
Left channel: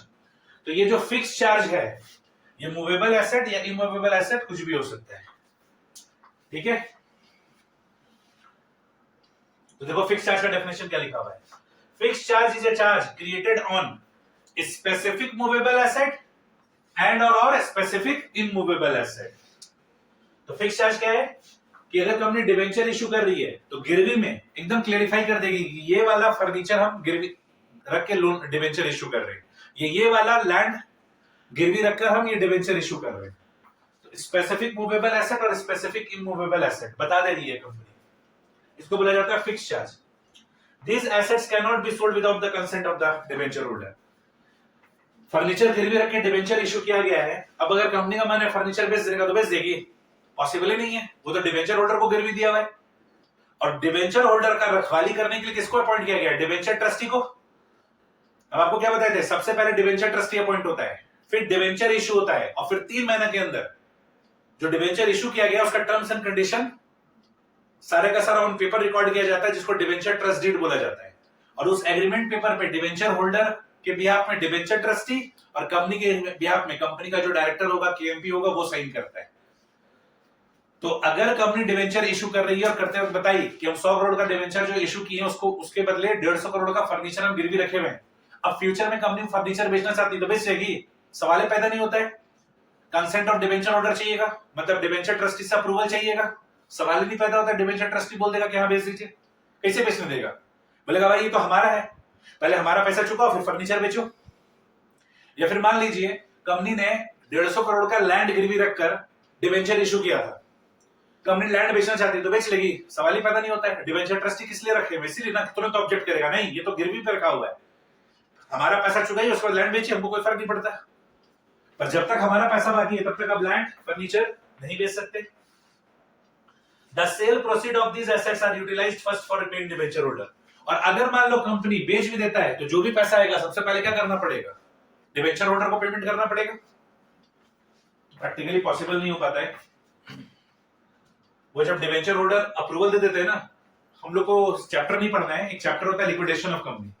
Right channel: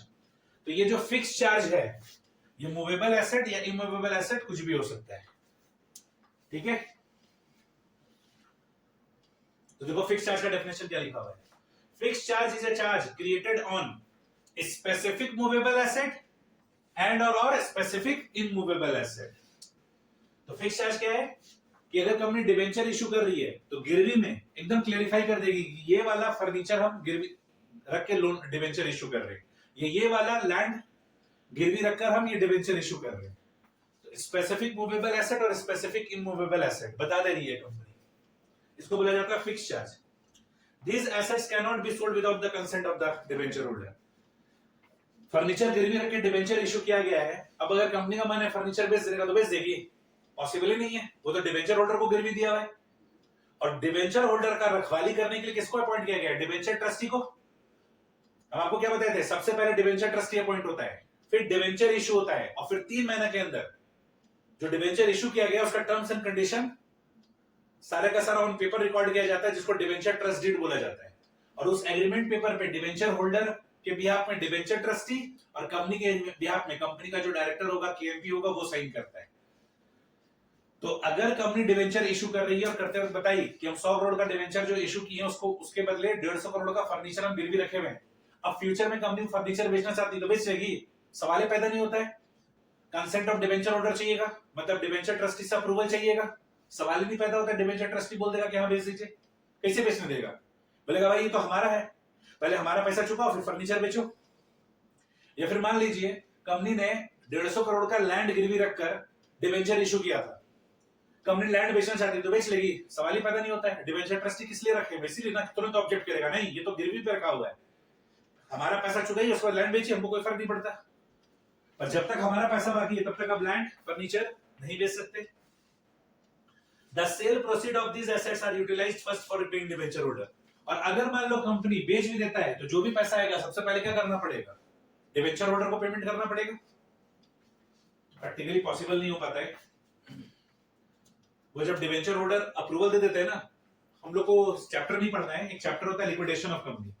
तो ये जो फिक्स चार्ज है ये मूवेबल एसेट या इमूवेबल एसेट कुछ भी हो सकता है, ठीक है। तो देखो फिक्स चार्ज का डेफिनेशन क्या लिखा हुआ है। Fix charge is a charge created on specific movable asset and और स्पेसिफिक इमूवेबल एसेट। तो फिक्स चार्ज क्या है कि अगर कंपनी डिवेंचर इशू कर रही है तो गिरवी में एकदम क्लेरिफाई कर देगी कि ये वाला फर्नीचर हम गिरवी रख के लोन डिवेंचर इशू कर रहे हैं, ये वाला लैंड गिरवी रखकर हम ये डिवेंचर इशू कर रहे हैं। तो स्पेसिफिक मूवेबल एसेट और स्पेसिफिक इमूवेबल एसेट बता दे रही है कंपनी, इसको बोला जाता है fix charge. These assets cannot be sold without the consent of the debenture holder। Furniture गिरवी रख के डिवेंचर इशू किया गया है, अब अगर कंपनी का मन है फर्नीचर बेच देगा तो बेच देगी, पॉसिबल ही नहीं है, वो तो डिवेंचर होल्डर को गिरवी दिया हुआ है। और डिवेंचर होल्डर का रखवाली करने के लिए किसको अपॉइंट किया गया है? डिवेंचर ट्रस्टी को। अब आपको क्या बताए थे, सबसे पहले डिवेंचर ट्रस्टी अपॉइंट होता है, फिर डिवेंचर इशू होता है, और फिर 3 महीने के अंदर जो डिवेंचर इशू किया गया उसका टर्म्स एंड कंडीशन सारे का सारा ऑन पेपर रिकॉर्ड किया जाता है, जिसको डिवेंचर ट्रस्ट डीड बोला जाता है। और उस एग्रीमेंट पेपर पे डिवेंचर होल्डर के बिहाफ में डिवेंचर ट्रस्टी और कंपनी के बिहाफ में कंपनी का जो डायरेक्टर होगा, केएमपी होगा, वो साइन करता है। तो अगर कंपनी डिवेंचर इशू कर रही है और करते वक्त बताई कि हम 100 करोड़ का डिवेंचर जो इशू किए हैं उसको उसके बदले 150 करोड़ का फर्नीचर हम गिरवी रखे हुए हैं, अब फ्यूचर में कंपनी फर्नीचर बेचना चाहती है तो बेच जाएगी, सवाल ही पैदा नहीं होता है। कंसेंट ऑफ डिवेंचर होल्डर चाहिएगा, मतलब डिवेंचर ट्रस्टी से अप्रूवल चाहिएगा, सवाल ही नहीं पैदा होता। डिवेंचर ट्रस्टी बोल देगा कि हाँ बेच दीजिए, कैसे बेचने देगा? बोलेगा भाई ये तो हमारा है, पहले हमारा पैसा चुकाओ फिर फर्नीचर बेचो। या फिर मान लीजिए कंपनी ने 150 करोड़ का लैंड गिरवी रखकर डिवेंचर इशू किया था, कंपनी लैंड बेचना चाहती है तो बेच लेगी, सवाल ही पैदा नहीं होता है। डिवेंचर ट्रस्टी किस लिए रखे? इसीलिए ना, तुरंत तो ऑब्जेक्ट करेगा नहीं, ये तो गिरवी पे रखा हुआ है, हमारा पैसा चुकाइए उसके बाद लैंड बेचिए, हमको कोई फर्क नहीं पड़ता। पर जब तक हमारा पैसा बाकी है तब तक अब लैंड फर्नीचर नहीं बेच सकते। The sale proceed of these assets are utilized first for repaying debenture holder। और अगर मान लो कंपनी बेच भी देता है तो जो भी पैसा आएगा सबसे पहले क्या करना पड़ेगा? डिवेंचर होल्डर को पेमेंट करना पड़ेगा। प्रैक्टिकली पॉसिबल नहीं हो पाता है। वो जब डिवेंचर होल्डर अप्रूवल दे देते हैं ना, हम लोग को चैप्टर नहीं पढ़ना है, एक चैप्टर होता है लिक्विडेशन ऑफ कंपनी।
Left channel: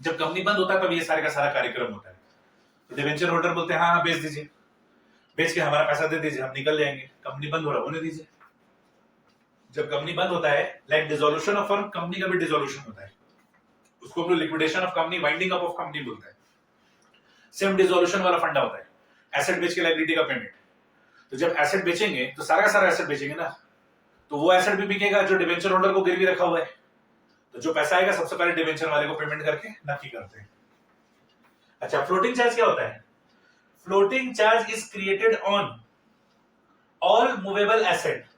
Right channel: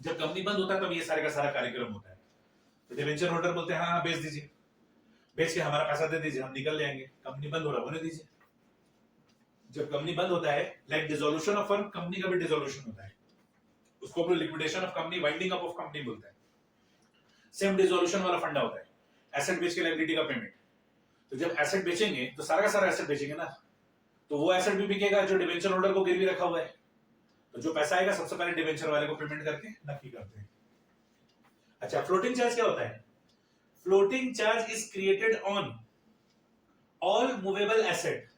जब कंपनी बंद होता है तब ये सारे का सारा कार्यक्रम होता है। तो डिवेंचर होल्डर बोलते हैं हाँ बेच दीजिए, बेच के हमारा पैसा दे दीजिए, हम निकल जाएंगे, कंपनी बंद हो रहा है होने दीजिए। जब कंपनी बंद होता है, like dissolution of firm, company का भी डिसोल्यूशन होता है, उसको हम लोग liquidation of company, winding up of company बोलते हैं। सेम डिसोल्यूशन वाला फंडा होता है, एसेट बेच के लायबिलिटी का पेमेंट। तो जब एसेट बेचेंगे तो सारा का सारा एसेट बेचेंगे ना, तो वो एसेट भी बिकेगा जो डिवेंचर होल्डर को गिरवी रखा हुआ है। तो जो पैसा आएगा सबसे पहले डिवेंचर वाले को पेमेंट करके नफी करते हैं। अच्छा, फ्लोटिंग चार्ज क्या होता है? Floating charge is created on all movable asset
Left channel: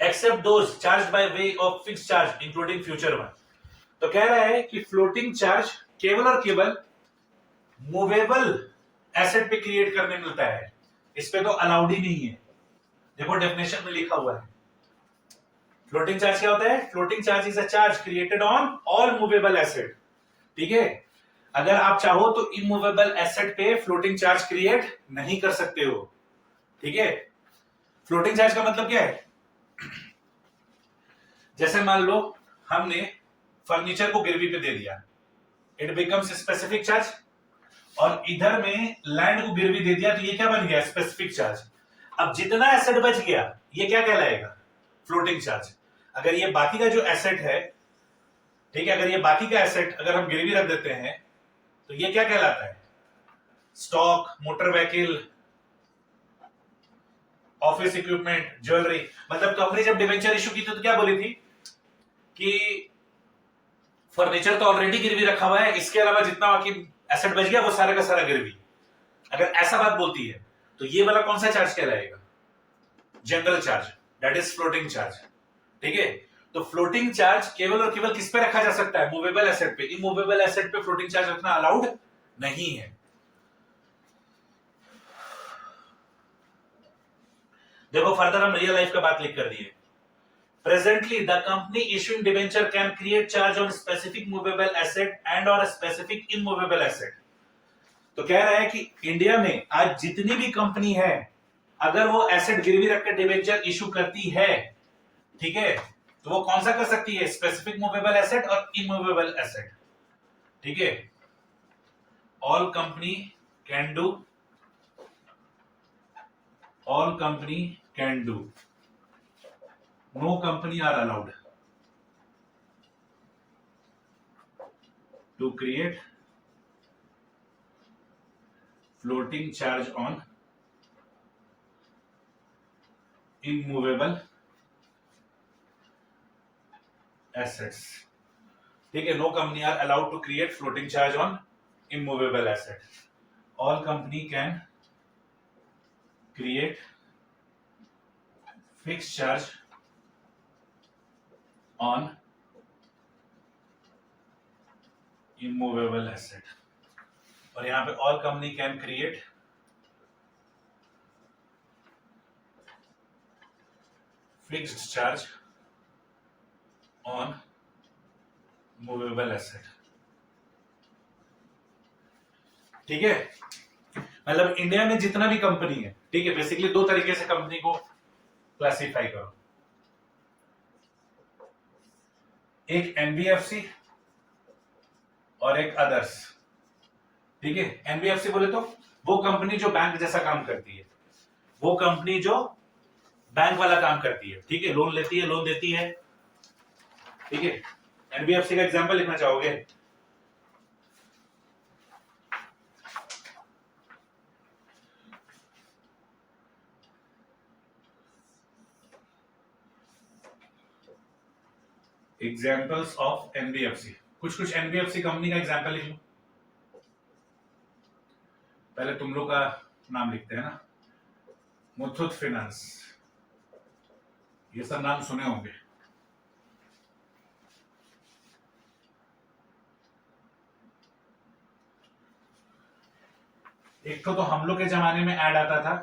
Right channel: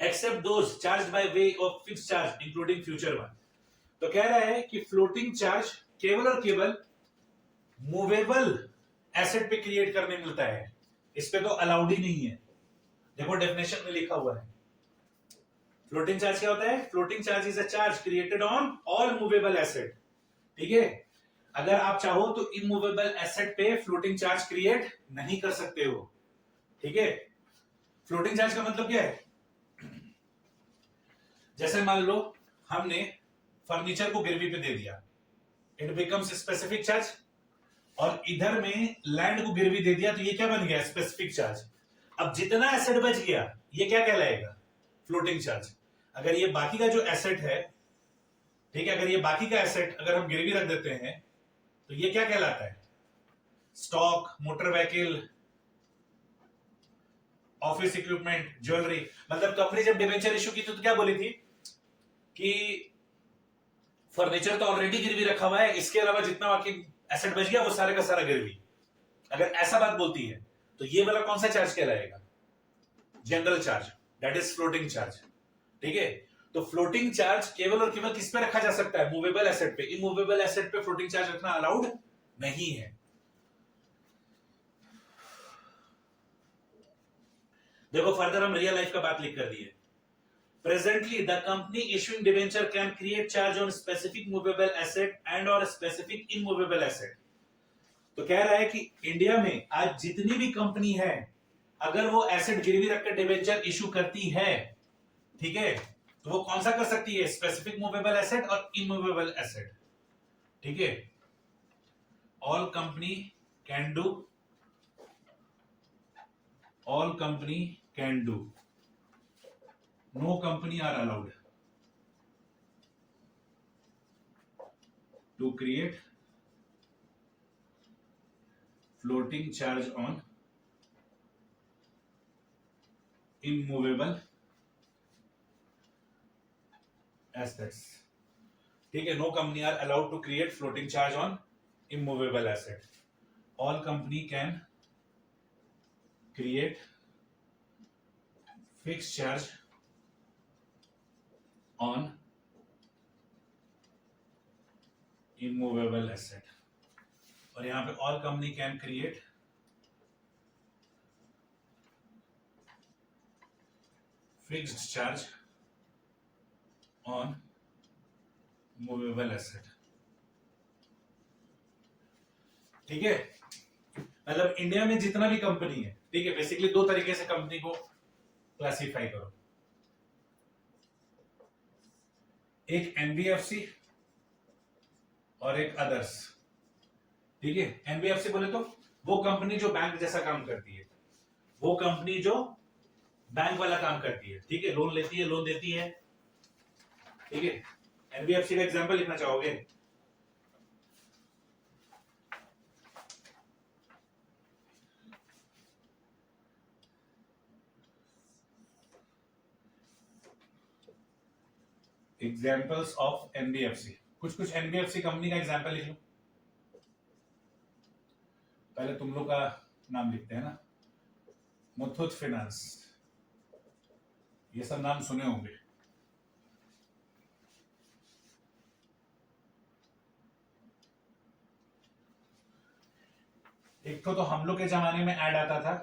except those charged by way of fixed charge including future one। तो कह रहा है कि फ्लोटिंग चार्ज केवल और केवल मूवेबल एसेट पे क्रिएट करने मिलता है, इस पे तो अलाउड ही नहीं है। देखो डेफिनेशन में लिखा हुआ है, फ्लोटिंग चार्ज क्या होता है? Floating charge is a charge created on all movable asset. ठीक है, अगर आप चाहो तो इमूवेबल एसेट पे फ्लोटिंग चार्ज क्रिएट नहीं कर सकते हो। ठीक है, फ्लोटिंग चार्ज का मतलब क्या है? जैसे मान लो हमने फर्नीचर को गिरवी पे दे दिया, इट बिकम्स स्पेसिफिक चार्ज, और इधर में लैंड को गिरवी दे दिया तो ये क्या बन गया? Specific charge. अब जितना एसेट बच गया ये क्या कहलाएगा? Floating charge. अगर ये बाकी का जो एसेट है, ठीक है, अगर ये बाकी का एसेट अगर हम गिरवी रख देते हैं तो ये क्या कहलाता है? Stock, motor vehicle, office equipment, jewellery. मतलब कंपनी जब डिवेंचर इशू की थी तो क्या बोली थी कि फर्नीचर तो ऑलरेडी गिरवी रखा हुआ है, इसके अलावा जितना बाकी एसेट बच गया वो सारे का सारा गिरवी। अगर ऐसा बात बोलती है तो ये वाला कौन सा चार्ज कहलाएगा? General charge, that is floating charge. ठीक है, तो फ्लोटिंग चार्ज केवल और केवल किस पे रखा जा सकता है? मूवेबल एसेट पे। इमूवेबल एसेट पे फ्लोटिंग चार्ज रखना अलाउड नहीं है। देखो फर्दर हम रियल लाइफ का बात लिख कर दिए। Presently, the company issuing debenture can create charge on specific movable asset and or a specific immovable asset। तो कह रहा है कि इंडिया में आज जितनी भी कंपनी है, अगर वो एसेट गिरवी रखकर डिबेंचर इशू करती है, ठीक है, तो वो कौन सा कर सकती है, स्पेसिफिक मूवेबल एसेट और इमूवेबल एसेट, ठीक है। All company can do, all company can do, no company are allowed to create floating charge on immovable assets, ठीक है। No company are allowed to create floating charge on immovable asset. All company can create fixed charge on immovable asset. और यहां पे all company can create fixed charge on movable asset, ठीक है। मतलब इंडिया में जितना भी कंपनी है, ठीक है, बेसिकली दो तरीके से कंपनी को क्लासिफाई करो, एक एनबीएफसी और एक अदर्स, ठीक है। एनबीएफसी बोले तो वो कंपनी जो बैंक जैसा काम करती है, वो कंपनी जो बैंक वाला काम करती है, ठीक है, लोन लेती है, लोन देती है, ठीक है। एनबीएफसी का एग्जांपल लिखना चाहोगे? एग्जांपल्स ऑफ एनबीएफसी, कुछ कुछ एनबीएफसी कंपनी का एग्जांपल लिख लो। पहले तुम लोग का नाम लिखते हैं ना, मुथूट फाइनेंस, ये सब नाम सुने होंगे। एक तो हम लोग के जमाने में ऐड आता था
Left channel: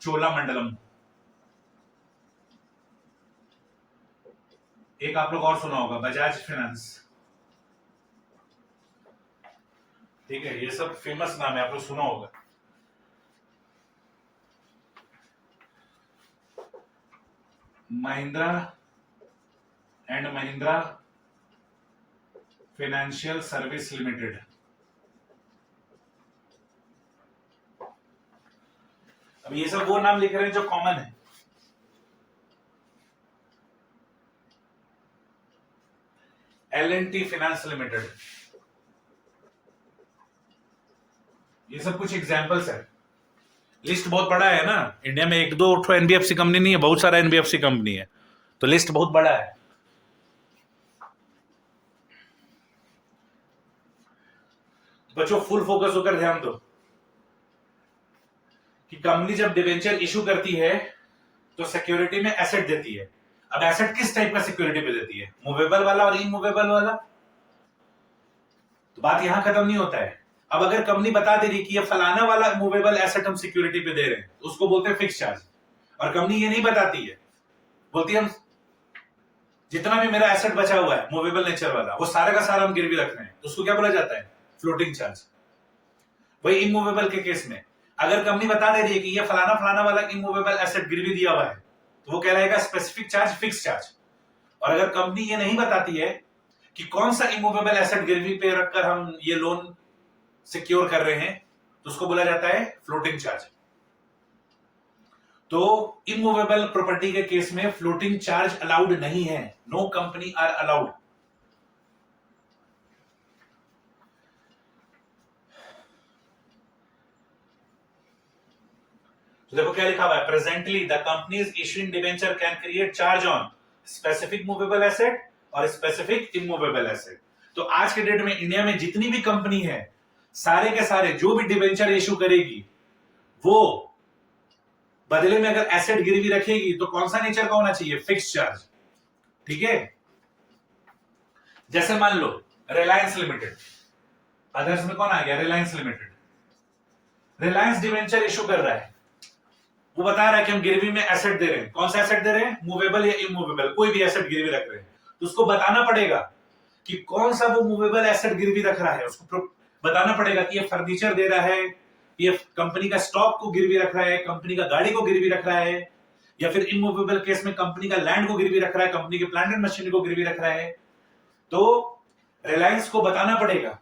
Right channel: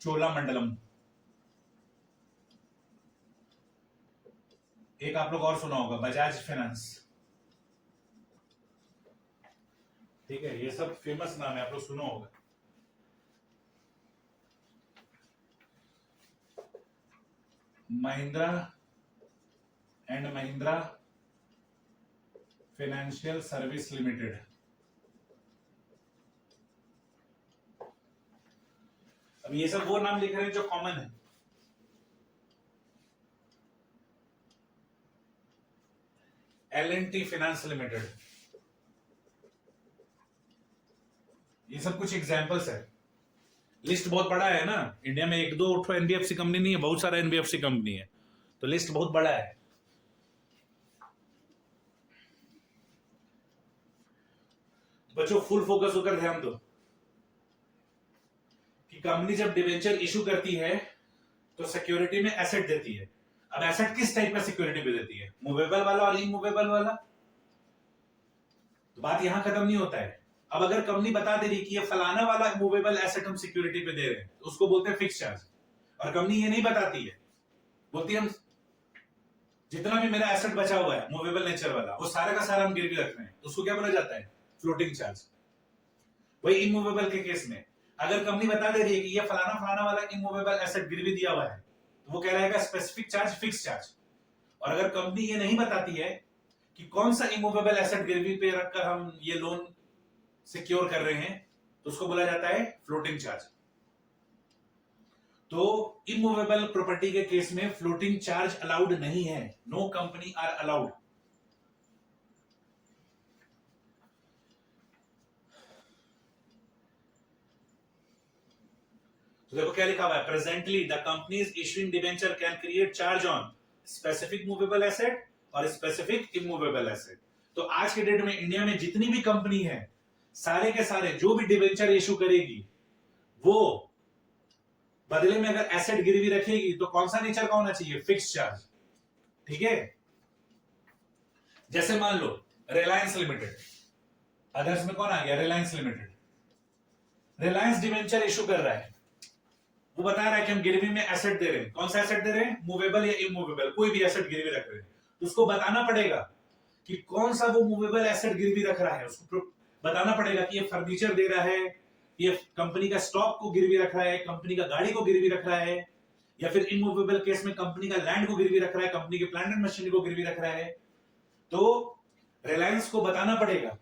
चोलामंडलम, एक आप लोग और सुना होगा बजाज फाइनेंस, ठीक है, ये सब फेमस नाम है, आप लोग सुना होगा। Mahindra and Mahindra financial service limited, अब ये सब वो नाम लिख रहे हैं जो कॉमन है। L&T फाइनेंस लिमिटेड, ये सब कुछ एग्जांपल्स है। लिस्ट बहुत बड़ा है ना, इंडिया में एक दो एनबीएफसी कंपनी नहीं है, बहुत सारा एनबीएफसी कंपनी है, तो लिस्ट बहुत बड़ा है। बच्चों फुल फोकस होकर ध्यान दो कि कंपनी जब डिबेंचर इशू करती है तो सिक्योरिटी में एसेट देती है। अब एसेट किस टाइप का सिक्योरिटी पे देती है, मूवेबल वाला और इमूवेबल वाला? तो बात यहां खत्म नहीं होता है। अब अगर कंपनी बता दे रही कि ये फलाना वाला मूवेबल एसेट हम सिक्योरिटी पे दे रहे हैं, तो उसको बोलते हैं फिक्स चार्ज। और कंपनी ये नहीं बताती है, बोलती है हम जितना भी मेरा एसेट बचा हुआ है मूवेबल नेचर वाला, वो सारा का सारा हम गिरवी रख रहे हैं, तो उसको क्या बोला जाता है, फ्लोटिंग चार्ज। वही इमूवेबल के केस में अगर कंपनी बता दे रही है कि ये फलाना फलाना वाला इमूवेबल एसेट गिरवी दिया हुआ है, तो वो कहलाएगा स्पेसिफिक चार्ज, फिक्स चार्ज। और अगर कंपनी ये नहीं बताती है कि कौन सा इमूवेबल एसेट गिरवी पे रखकर हम ये लोन सिक्योर कर रहे हैं, तो उसको बोला जाता है फ्लोटिंग चार्ज। तो इमूवेबल प्रॉपर्टी के केस में फ्लोटिंग चार्ज अलाउड नहीं है, नो कंपनी आर अलाउड। तो देखो क्या लिखा हुआ है, presently the companies issuing debenture can create charge on specific movable asset और स्पेसिफिक इमूवेबल एसेट। तो आज के डेट में इंडिया में जितनी भी कंपनी है, सारे के सारे जो भी डिबेंचर इशू करेगी, वो बदले में अगर एसेट गिरवी रखेगी तो कौन सा नेचर का होना चाहिए, फिक्स चार्ज, ठीक है। जैसे मान लो रिलायंस लिमिटेड, अदर्स में कौन आ गया, Reliance limited. Reliance debenture issue कर रहा है, वो बता रहा है कि हम गिरवी में एसेट दे रहे हैं। कौन सा एसेट दे रहे हैं, मूवेबल या इमूवेबल, कोई भी एसेट गिरवी रख रहे हैं, तो उसको बताना पड़ेगा कि कौन सा वो मूवेबल एसेट गिरवी रख रहा है। उसको बताना पड़ेगा कि ये फर्नीचर दे रहा है, ये कंपनी का स्टॉक को गिरवी रख रहा है, कंपनी का गाड़ी को गिरवी रख रहा है, या फिर इमूवेबल केस में कंपनी का लैंड को गिरवी रख रहा है, कंपनी के प्लांट एंड मशीनरी को गिरवी रख रहा है। तो रिलायंस को बताना पड़ेगा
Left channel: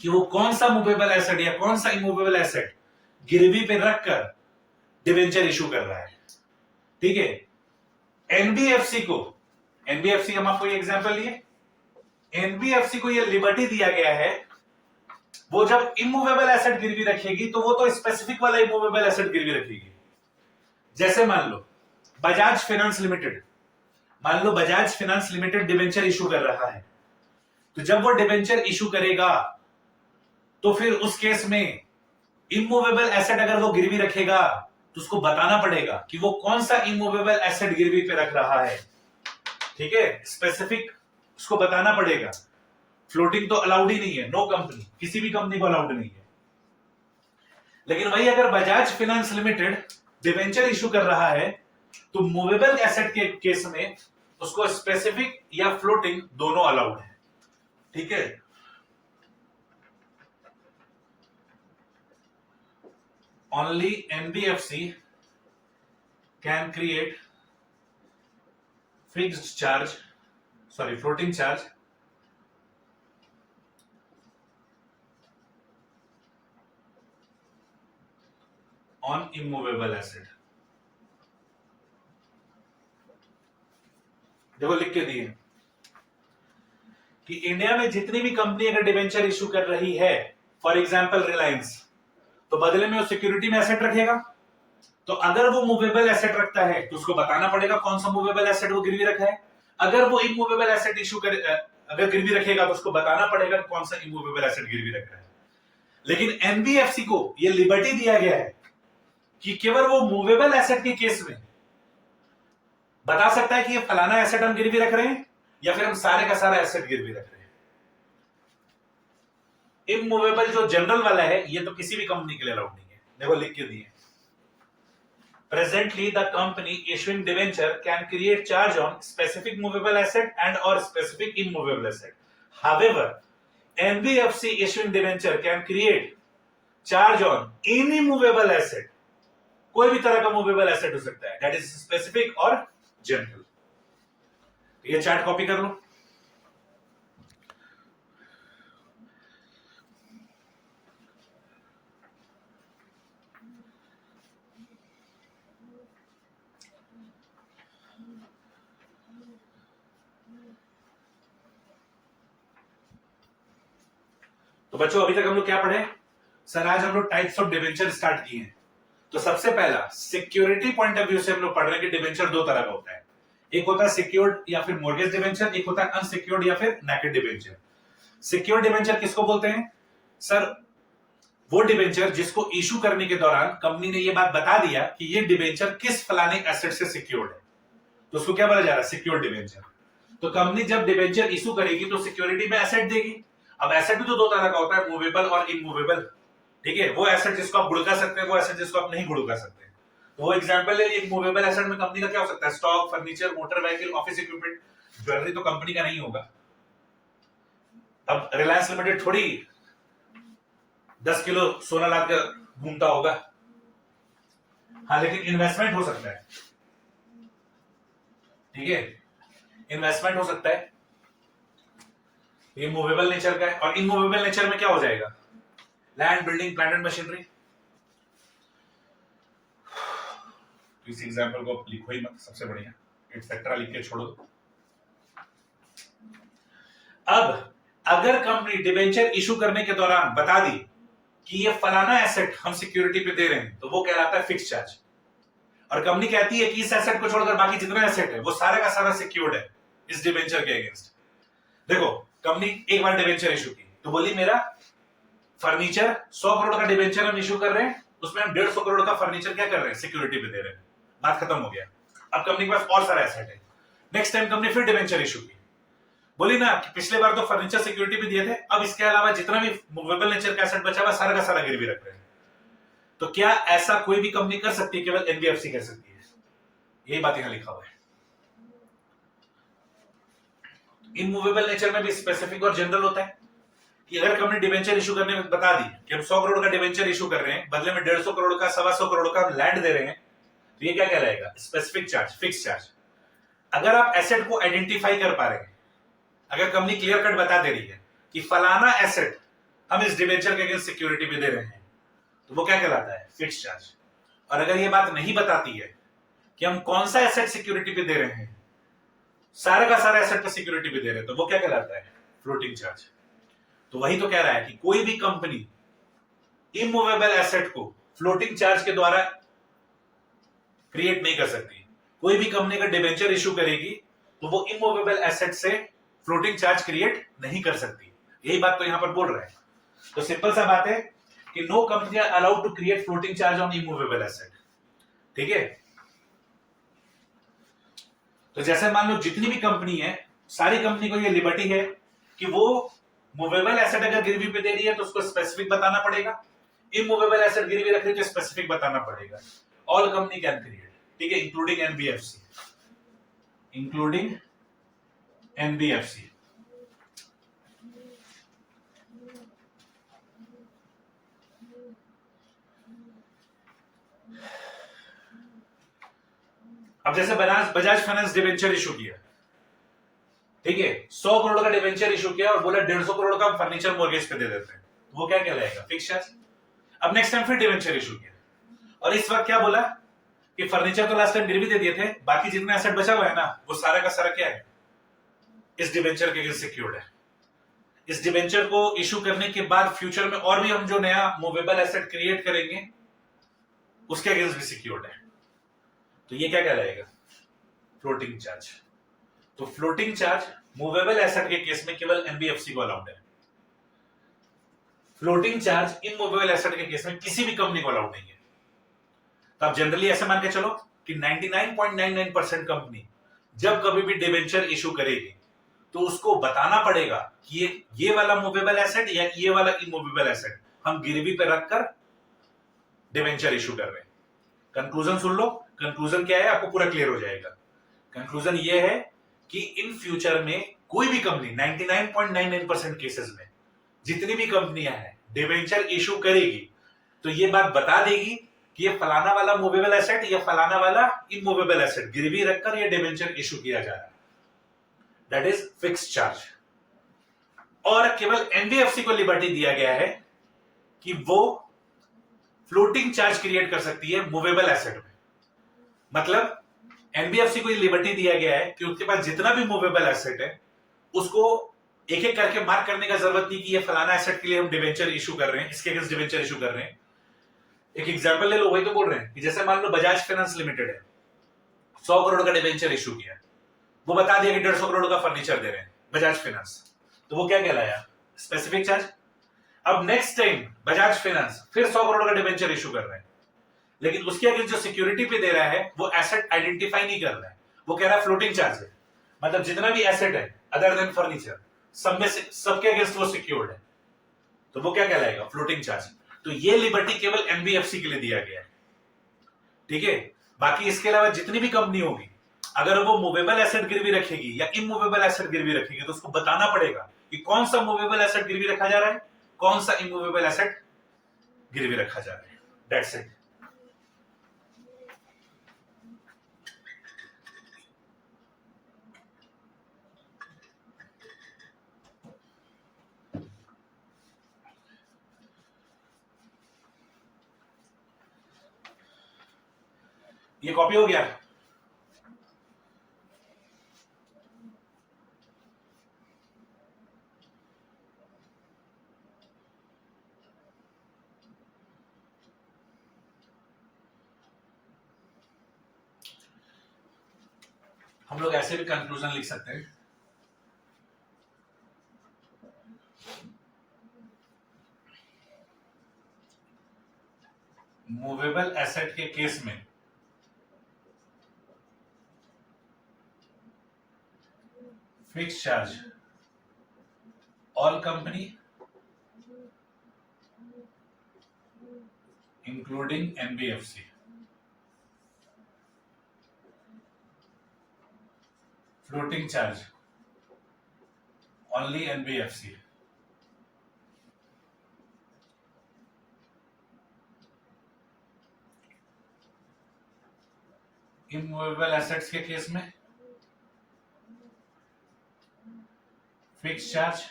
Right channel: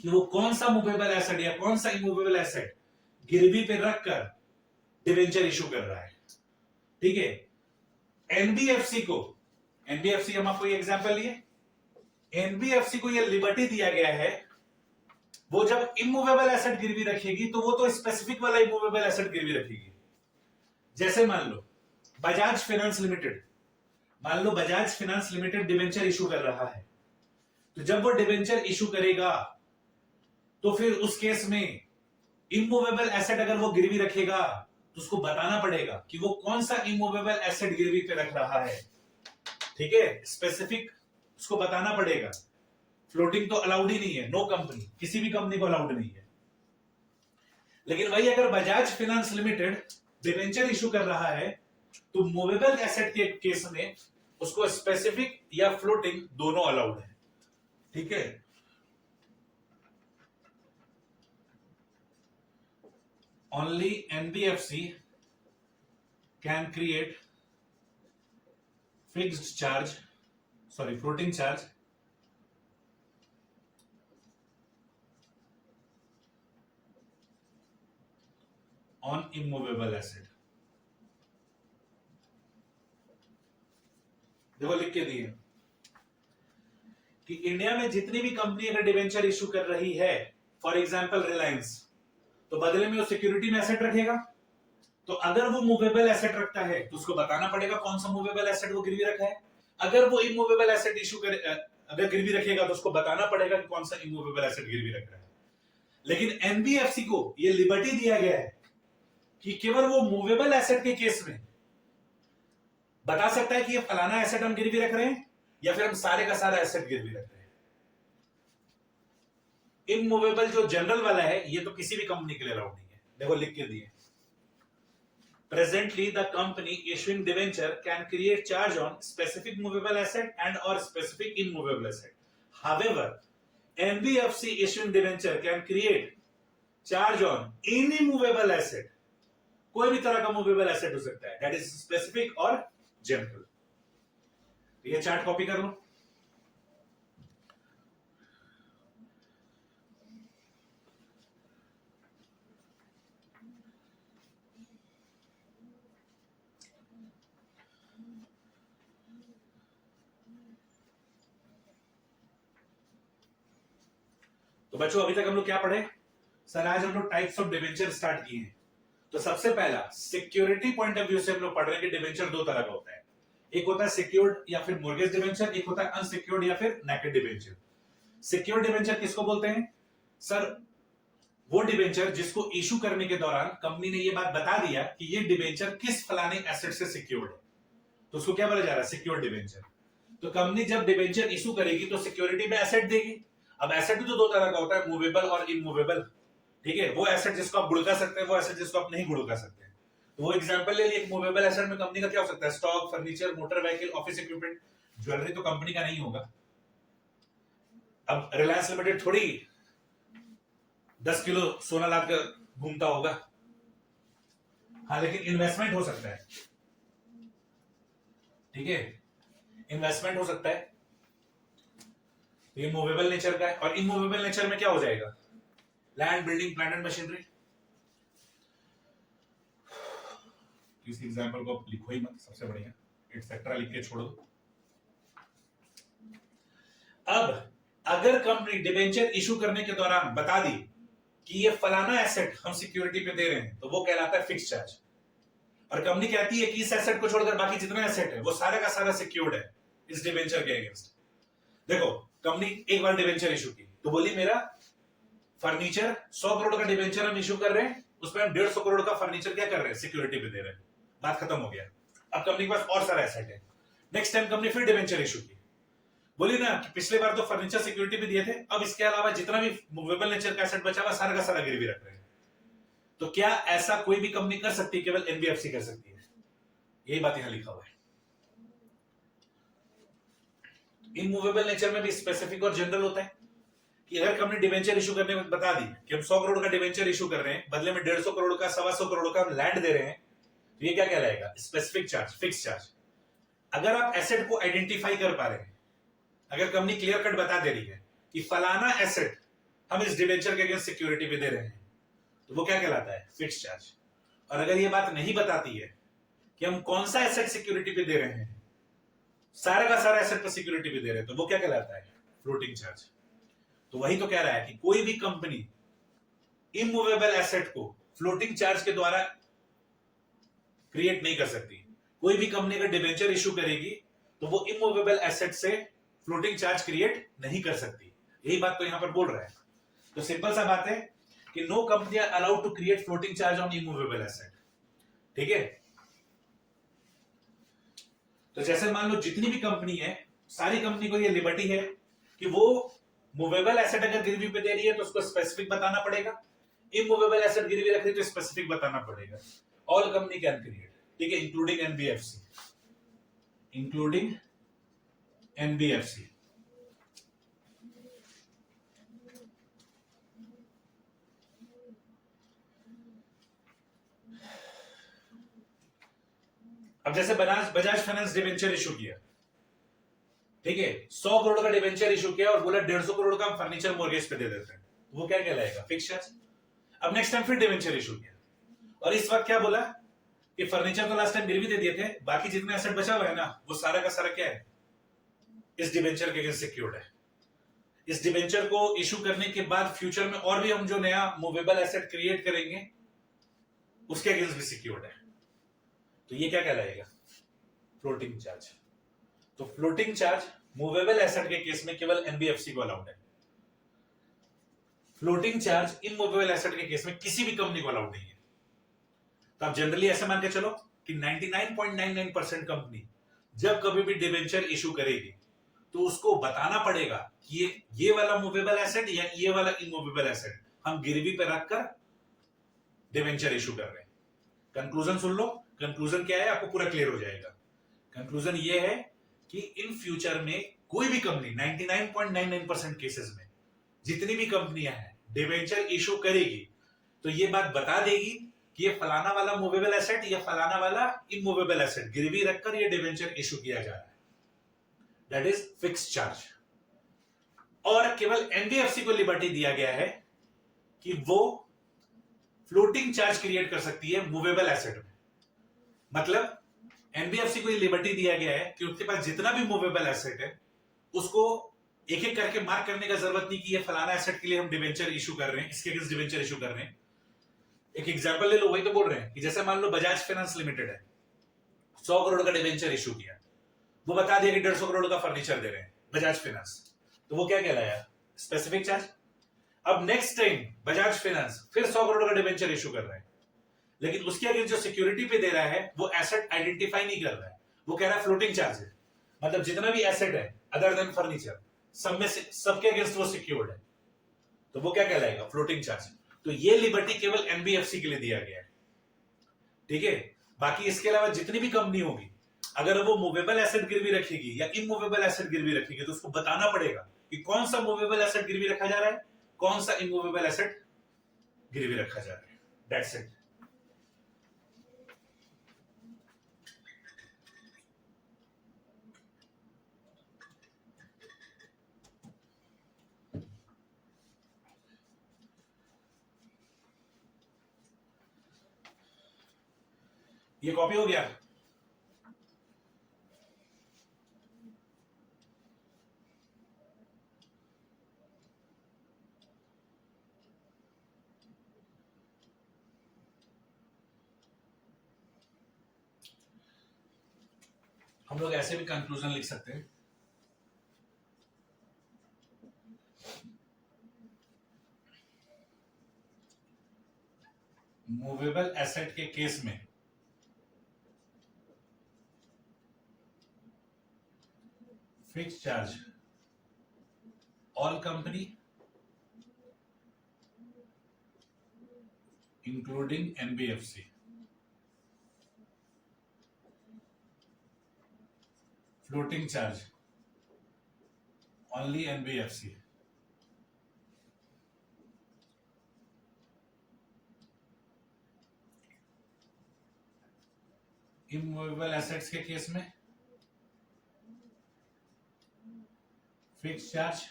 कि वो कौन सा मूवेबल एसेट या कौन सा इमूवेबल एसेट गिरवी पे रखकर डिवेंचर इशू कर रहा है। ठीक है, एनबीएफसी को, एनबीएफसी हम आपको एग्जांपल लिए, एनबीएफसी को ये लिबर्टी दिया गया है, वो जब इमूवेबल एसेट गिरवी रखेगी तो वो तो स्पेसिफिक वाला इमूवेबल एसेट गिरवी रखेगी। जैसे मान लो बजाज फाइनेंस लिमिटेड, मान लो Bajaj finance limited debenture issue कर रहा है, तो जब वो डिवेंचर इशू करेगा तो फिर उस केस में इमूवेबल एसेट अगर वो गिरवी रखेगा तो उसको बताना पड़ेगा कि वो कौन सा इमूवेबल एसेट गिरवी पे रख रहा है। ठीक है, स्पेसिफिक उसको बताना पड़ेगा। फ्लोटिंग तो अलाउड ही नहीं है, नो कंपनी, किसी भी कंपनी को अलाउड नहीं है। लेकिन वही अगर Bajaj finance limited debenture issue कर रहा है तो मूवेबल एसेट के केस में उसको स्पेसिफिक या फ्लोटिंग दोनों अलाउड है। ठीक है, only NBFC can create fixed charge, sorry, floating charge on immovable asset। देखो लिख के दिए कि इंडिया में जितनी भी कंपनी अगर डिवेंचर इशू कर रही है, फॉर एग्जांपल रिलायंस, तो बदले में वो सिक्योरिटी में एसेट रखेगा। तो अगर वो मूवेबल एसेट रखता है तो उसको बताना पड़ेगा कौन सा मूवेबल एसेट वो गिरवी रखा है। अगर वो इमूवेबल एसेट इशू करे, अगर गिरवी रखेगा तो उसको बताना पड़ेगा कौन सा इमूवेबल एसेट गिरवी रख रहा है। लेकिन एनबीएफसी को ये लिबर्टी दिया गया है कि केवल वो मूवेबल एसेट के केस में बता सकता है कि ये फलाना एसेट हम गिरवी रख रहे हैं या फिर हम सारे का सारा एसेट गिरवी रख रहे हैं। इमूवेबल जो जनरल वाला है ये तो किसी भी कंपनी के लिए अलाउड नहीं है। देखो लिख के दिए, presently the company issuing debenture can create charge on specific movable asset and or specific immovable asset. However, NBFC issuing debenture can create charge on any movable asset, कोई भी तरह का मूवेबल एसेट हो सकता है, that is specific और जनरल। ये चार्ट कॉपी कर लो। तो बच्चों अभी तक हम लोग क्या पढ़े सर? आज हम लोग टाइप्स ऑफ डिवेंचर स्टार्ट किए हैं। तो सबसे पहला सिक्योरिटी पॉइंट ऑफ व्यू से हम लोग पढ़ रहे हैं कि डिवेंचर दो तरह का होता है, एक होता है सिक्योर्ड या फिर मॉर्गेज डिवेंचर, एक होता है अनसिक्योर्ड या फिर नेकेड डिवेंचर। सिक्योर्ड डिवेंचर किसको बोलते हैं सर? वो डिवेंचर जिसको इशू करने के दौरान कंपनी ने ये बात बता दिया कि ये डिवेंचर किस फलाने एसेट से सिक्योर्ड है, तो उसको क्या बोला जा रहा है? Secured debenture. तो कंपनी जब डिवेंचर इशू करेगी तो सिक्योरिटी में एसेट देगी। अब एसेट भी तो दो तरह का होता है, मूवेबल और इमूवेबल। ठीक है, वो एसेट जिसको आप गुड़का सकते हैं, वो एसेट जिसको आप नहीं गुड़का सकते। तो वो एग्जांपल ले लिए, एक मूवेबल एसेट में कंपनी का क्या हो सकता है? Stock, furniture, motor vehicle, office equipment. Jewellery तो कंपनी का नहीं होगा। अब रिलायंस लिमिटेड थोड़ी 10 किलो सोना लाद कर घूमता होगा। हाँ, लेकिन इन्वेस्टमेंट हो सकता है। ठीक है, इन्वेस्टमेंट हो सकता है, ये मूवेबल नेचर का है। और इनमूवेबल नेचर में क्या हो जाएगा? Land, building, plant and machinery. इस एग्जांपल को लिखो ही मत, सबसे बढ़िया एटसेट्रा लिख के छोड़ दो। अब अगर कंपनी डिबेंचर इशू करने के दौरान बता दी कि ये फलाना एसेट हम सिक्योरिटी पे दे रहे हैं, तो वो कहलाता है फिक्स चार्ज। और कंपनी कहती है कि इस एसेट को छोड़कर बाकी जितना एसेट है वो सारा का सारा सिक्योर्ड है इस डिबेंचर के अगेंस्ट। देखो, कंपनी एक बार डिबेंचर इशू की तो बोली मेरा फर्नीचर 100 करोड़ का डिबेंचर हम इशू कर रहे हैं, उसमें हम 150 करोड़ का फर्नीचर क्या कर रहे हैं? सिक्योरिटी पे दे रहे हैं। बात खत्म हो गया। अब कंपनी के पास और सारा एसेट है। नेक्स्ट टाइम कंपनी फिर डिबेंचर इशू की, बोली ना कि पिछले बार तो फर्नीचर सिक्योरिटी पे दिए थे, अब इसके अलावा जितना भी मूवेबल नेचर का एसेट बचा हुआ सारा का सारा गिरवी रख रहे हैं। तो क्या ऐसा कोई भी कंपनी कर सकती है? केवल एनबीएफसी कर सकती है। यही बात यहां लिखा हुआ है। इमूवेबल नेचर में भी स्पेसिफिक और जनरल होता है। कि अगर कंपनी डिबेंचर इशू करने में बता दी कि हम 100 करोड़ का डिबेंचर इशू कर रहे हैं, बदले में 150 करोड़ का 125 करोड़ का हम लैंड दे रहे हैं, तो ये क्या कहलाएगा? Specific charge, fix charge. अगर आप एसेट को आइडेंटिफाई कर पा रहे हैं, अगर कंपनी क्लियर कट बता दे रही है कि फलाना एसेट हम इस डिबेंचर के अगेंस्ट सिक्योरिटी पे दे रहे हैं, तो वो क्या कहलाता है? Fix charge. और अगर ये बात नहीं बताती है कि हम कौन सा एसेट सिक्योरिटी पे दे रहे हैं, सारा का सारा एसेट पे सिक्योरिटी पे दे रहे हैं, तो वो क्या कहलाता है? Floating charge. तो वही तो कह रहा है कि कोई भी कंपनी इमूवेबल एसेट को फ्लोटिंग चार्ज के द्वारा क्रिएट नहीं कर सकती। कोई भी कंपनी का डिबेंचर इशू करेगी तो वो इमूवेबल एसेट से फ्लोटिंग चार्ज क्रिएट नहीं कर सकती। यही बात तो यहां पर बोल रहे हैं। तो सिंपल सा बात है कि no company are allowed to create floating charge on immovable asset. ठीक है? तो जैसे मान लो जितनी भी कंपनी है, सारी कंपनी को ये लिबर्टी है कि वो मूवेबल एसेट अगर गिरवी पे दे रही है तो उसको स्पेसिफिक बताना पड़ेगा, इमूवेबल एसेट गिरवी रख रही है तो स्पेसिफिक बताना पड़ेगा। ऑल कंपनी कैन क्रिएट, ठीक है, इंक्लूडिंग एनबीएफसी, इंक्लूडिंग एनबीएफसी। अब जैसे बजाज फाइनेंस डिवेंचर इशू किया, ठीक है, 100 करोड़ का डिवेंचर इशू किया और बोला 150 करोड़ का फर्नीचर मॉर्गेज पे दे देते हैं, वो क्या कहलाएगा? Fix charge. अब नेक्स्ट टाइम फिर डिवेंचर इशू किया और इस वक्त क्या बोला कि फर्नीचर तो लास्ट टाइम गिरवी दे दिए थे, बाकी जितना एसेट बचा हुआ है ना, वो सारा का सारा क्या है? इस डिवेंचर के अगेंस्ट सिक्योर्ड है। इस डिवेंचर को इशू करने के बाद फ्यूचर में और भी हम जो नया मूवेबल एसेट क्रिएट करेंगे उसके अगेंस्ट भी सिक्योर्ड है। तो ये क्या कहलाएगा? Floating charge. तो फ्लोटिंग चार्ज मूवेबल एसेट के केस में केवल एनबीएफसी को अलाउड है। फ्लोटिंग चार्ज इमूवेबल एसेट के केस में किसी भी कंपनी को अलाउड नहीं है। तो आप जनरली ऐसे मान के चलो कि 99.99% कंपनी जब कभी भी डिबेंचर इशू करेगी तो उसको बताना पड़ेगा कि ये वाला मूवेबल एसेट या ये वाला इमूवेबल एसेट हम गिरवी पे रखकर डिबेंचर इशू कर रहे हैं। कंक्लूजन सुन लो, कंक्लूजन क्या है आपको पूरा क्लियर हो जाएगा। कंक्लूजन ये है कि इन फ्यूचर में कोई भी कंपनी 99.99% केसेस में जितनी भी कंपनियां हैं डिबेंचर इशू करेगी तो ये बात बता देगी कि ये फलाना वाला मूवेबल एसेट या फलाना वाला इमूवेबल एसेट गिरवी रखकर ये डिबेंचर इशू किया जा रहा है। That is fix charge. और केवल एनबीएफसी को लिबर्टी दिया गया है कि वो फ्लोटिंग चार्ज क्रिएट कर सकती है मूवेबल एसेट में। मतलब एनबीएफसी को ये लिबर्टी दिया गया है कि उसके पास जितना भी मूवेबल एसेट है उसको एक एक करके मार्क करने का जरूरत नहीं कि ये फलाना एसेट के लिए हम डिवेंचर इशू कर रहे हैं, इसके अगेंस्ट डिवेंचर इशू कर रहे हैं। एक एग्जांपल ले लो, वही तो बोल रहे हैं कि जैसे मान लो बजाज फाइनेंस लिमिटेड है, 100 करोड़ का डिवेंचर इशू किया, वो बता दिया कि 150 करोड़ का फर्नीचर दे रहे हैं बजाज फाइनेंस, तो वो क्या कहलाया? Specific charge. अब नेक्स्ट टाइम बजाज फाइनेंस फिर 100 करोड़ का डिवेंचर इशू कर रहे हैं, लेकिन उसके अगेंस्ट जो सिक्योरिटी पे दे रहा है वो एसेट आइडेंटिफाई नहीं कर रहा है, वो कह रहा है फ्लोटिंग चार्ज है। मतलब जितना भी एसेट है अदर देन फर्नीचर सब में सबके अगेंस्ट वो सिक्योर्ड है, तो वो क्या कहलाएगा? Floating charge. तो ये लिबर्टी केवल एनबीएफसी के लिए दिया गया है, ठीक है। बाकी इसके अलावा जितनी भी कंपनी होगी अगर वो मूवेबल एसेट गिरवी रखेगी या इमूवेबल एसेट गिरवी रखेगी तो उसको बताना पड़ेगा कि कौन सा मूवेबल एसेट गिरवी रखा जा रहा है, कौन सा इमूवेबल एसेट गिरवी रखा जा रहा है। That's it. ये कॉपी हो गया। हम लोग ऐसे भी कंक्लूजन लिख सकते हैं, मूवेबल एसेट के केस में fix charge all company including NBFC, floating charge only NBFC, immovable assets के केस में fix charge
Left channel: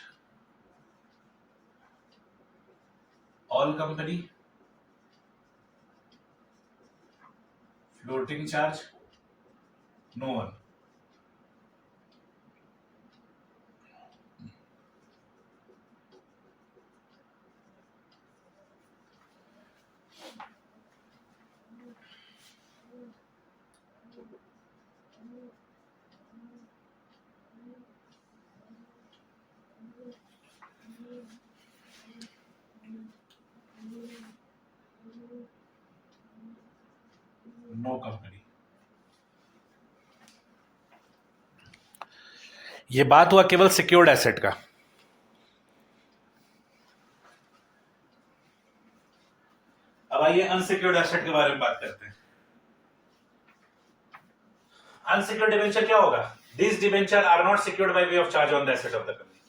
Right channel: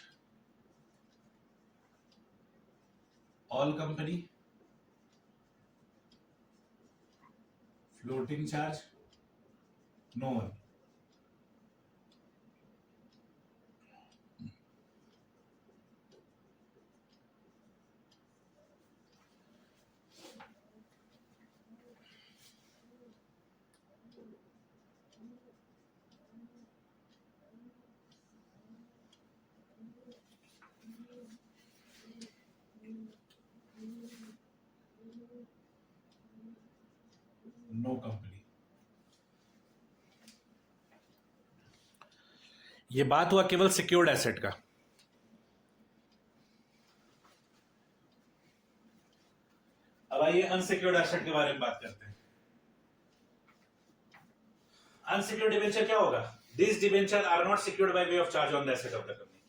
all company, floating charge no one. No company. ये बात हुआ केवल सिक्योर्ड एसेट का। अब आइए अनसिक्योर्ड एसेट के बारे में बात करते हैं। अनसिक्योर्ड डिबेंचर क्या होगा? This debenture are not secured by way of charge on the asset of the company.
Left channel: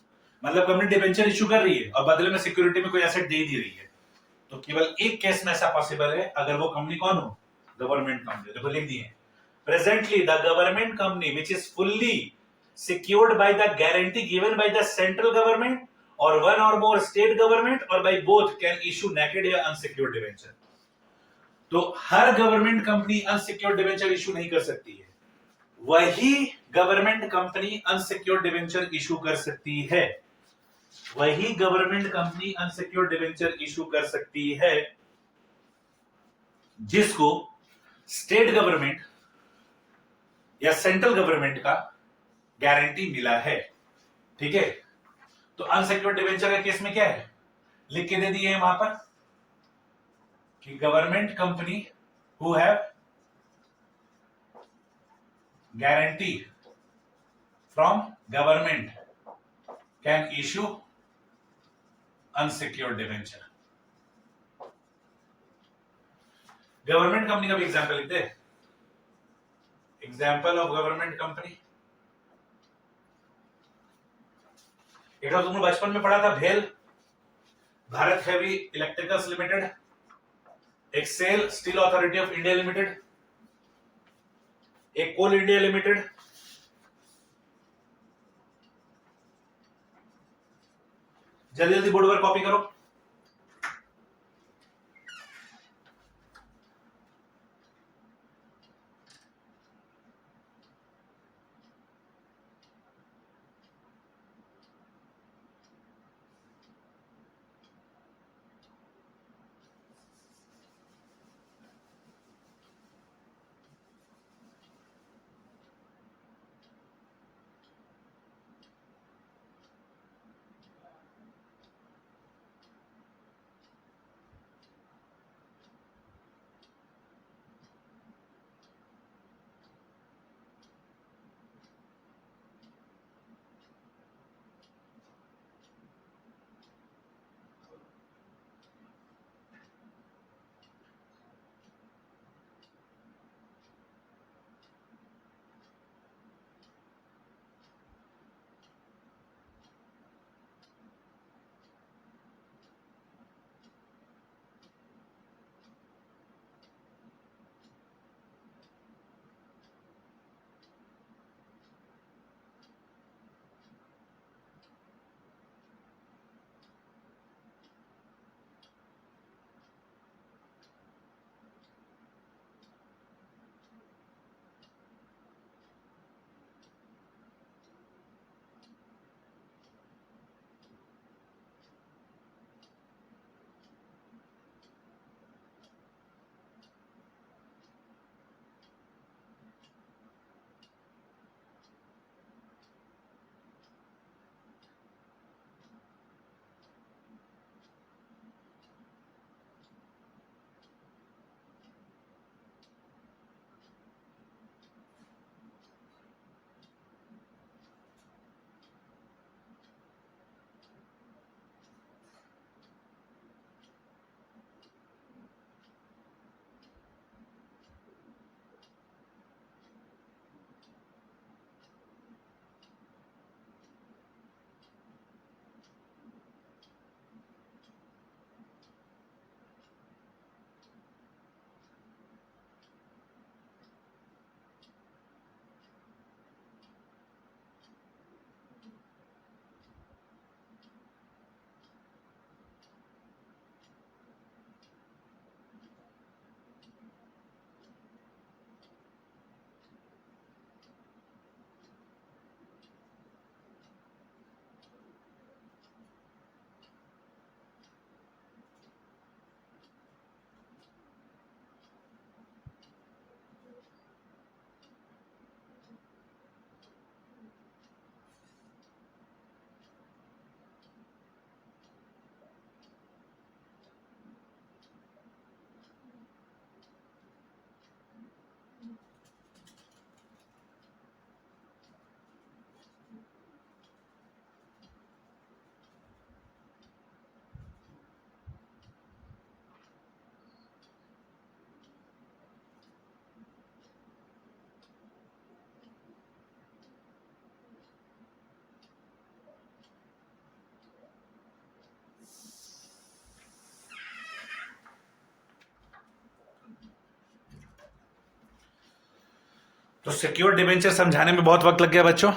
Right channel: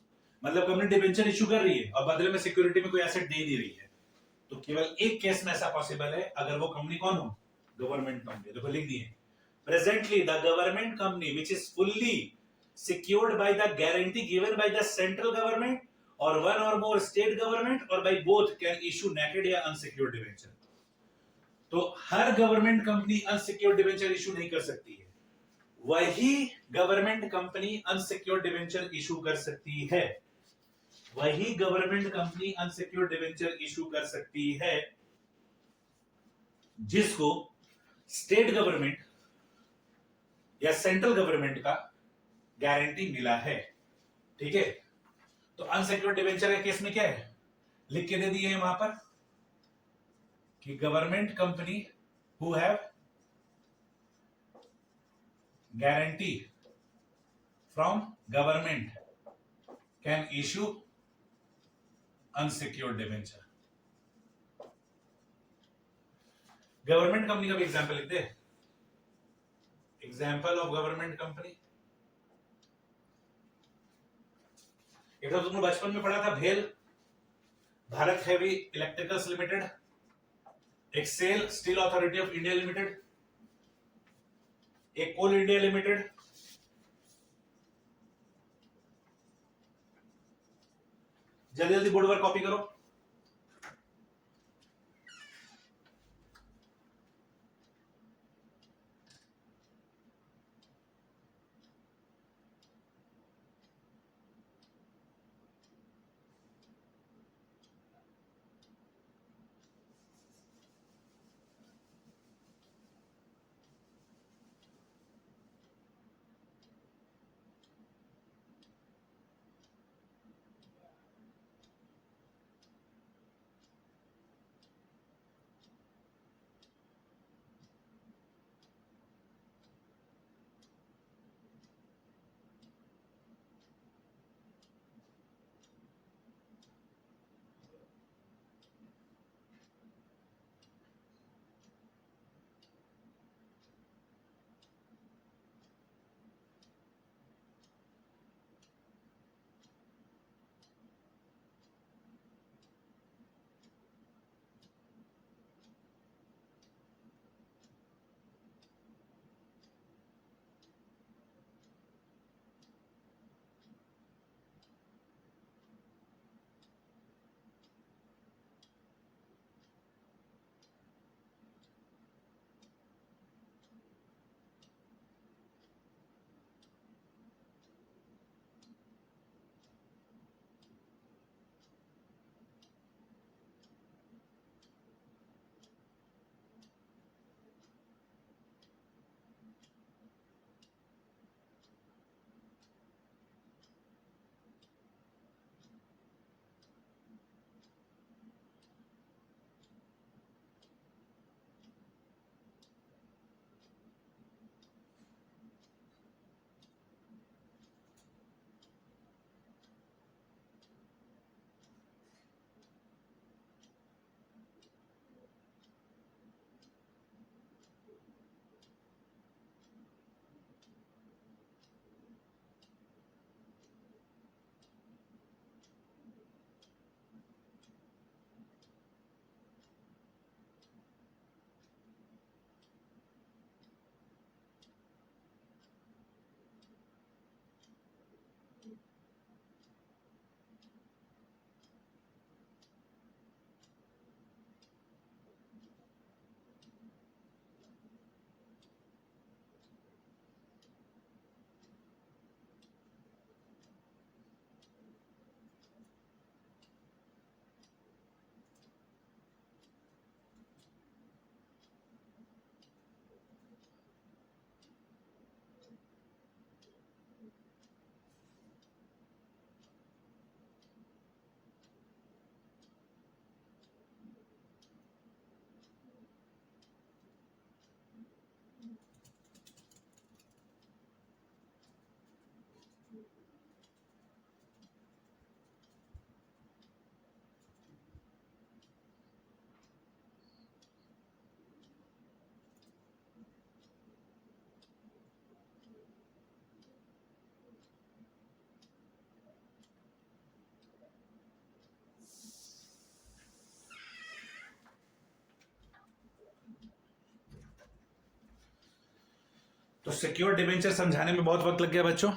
मतलब कंपनी डिबेंचर इशू कर रही है और बदले में सिक्योरिटी में कोई एसेट दे ही नहीं रही है। तो केवल एक केस में ऐसा पॉसिबल है, अगर वो कंपनी कौन हो? Government company. देखो लिख दिए, presently the government company which is fully secured by the guarantee given by the central government or one or more state government or by both can issue naked या unsecured debenture। तो हर government company unsecured debenture issue नहीं कर सकती है, वही government company unsecured debenture issue कर सकती है। वही government company unsecured debenture issue कर सकती है जिसको स्टेट गवर्नमेंट या सेंट्रल गवर्नमेंट का गारंटी मिला है। ठीक है, तो अनसिक्योर्ड डिबेंचर के केस में क्या है, लिख के दे दिए वहां पर कि government company who have guarantee from government can issue unsecured debenture. Government company का भी एग्जांपल लिखते हैं। एग्जांपल ऑफ गवर्नमेंट कंपनी, एक तो तुमने बचपन में पढ़ा था भेल, भारत हेवी इलेक्ट्रिकल्स लिमिटेड, एक्सेल steel authority of India limited, एक कोल इंडिया लिमिटेड, जल्दी जल्दी बोर्ड पर कॉपी करो। तो सिक्योर डिबेंचर समझाने में बहुत वक्त लग गया बच्चों,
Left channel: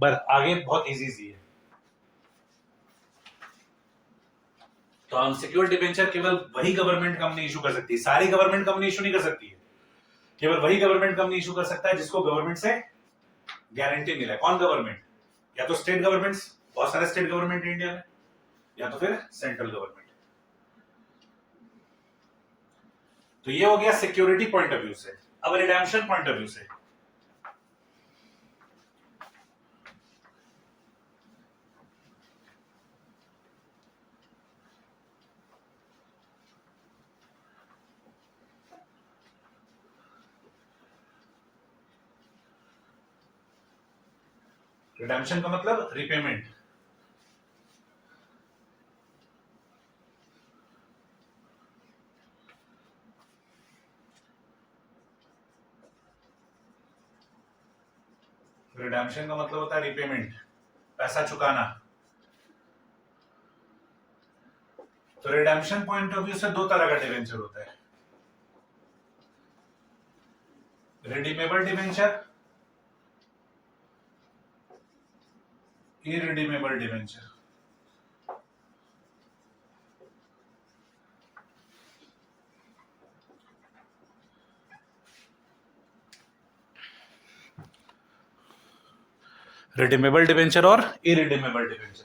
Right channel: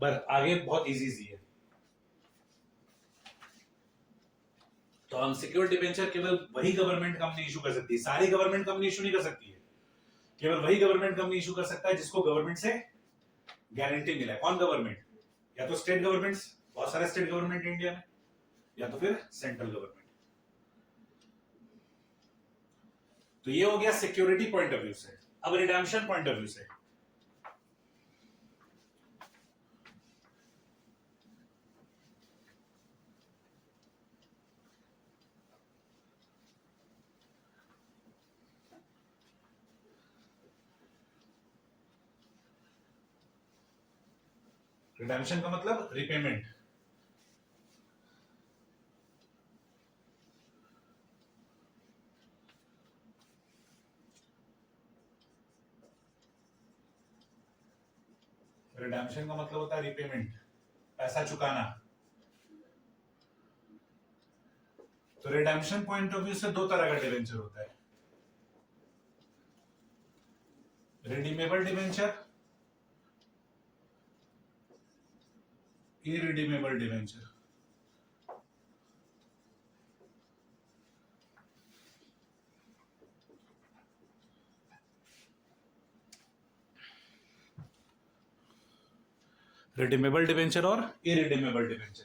पर आगे बहुत इजी सी है। तो अनसिक्योर्ड डिबेंचर केवल वही गवर्नमेंट कंपनी इशू कर सकती है, सारी गवर्नमेंट कंपनी इशू नहीं कर सकती है। केवल वही गवर्नमेंट कंपनी इशू कर सकता है जिसको गवर्नमेंट से गारंटी मिला है। कौन गवर्नमेंट? या तो स्टेट गवर्नमेंट्स, बहुत सारे स्टेट गवर्नमेंट इंडिया में, या तो फिर सेंट्रल गवर्नमेंट। तो ये हो गया सिक्योरिटी पॉइंट ऑफ व्यू से। अब रिडेम्पशन पॉइंट ऑफ व्यू से, रिडेम्पशन का मतलब रिपेमेंट। रिडेम्पशन का मतलब होता है रिपेमेंट, पैसा चुकाना। तो रिडेम्पशन पॉइंट ऑफ व्यू से दो तरह का डिवेंचर होता है, redeemable debenture, irredeemable debenture. Redeemable debenture और इरिडीमेबल डिवेंचर।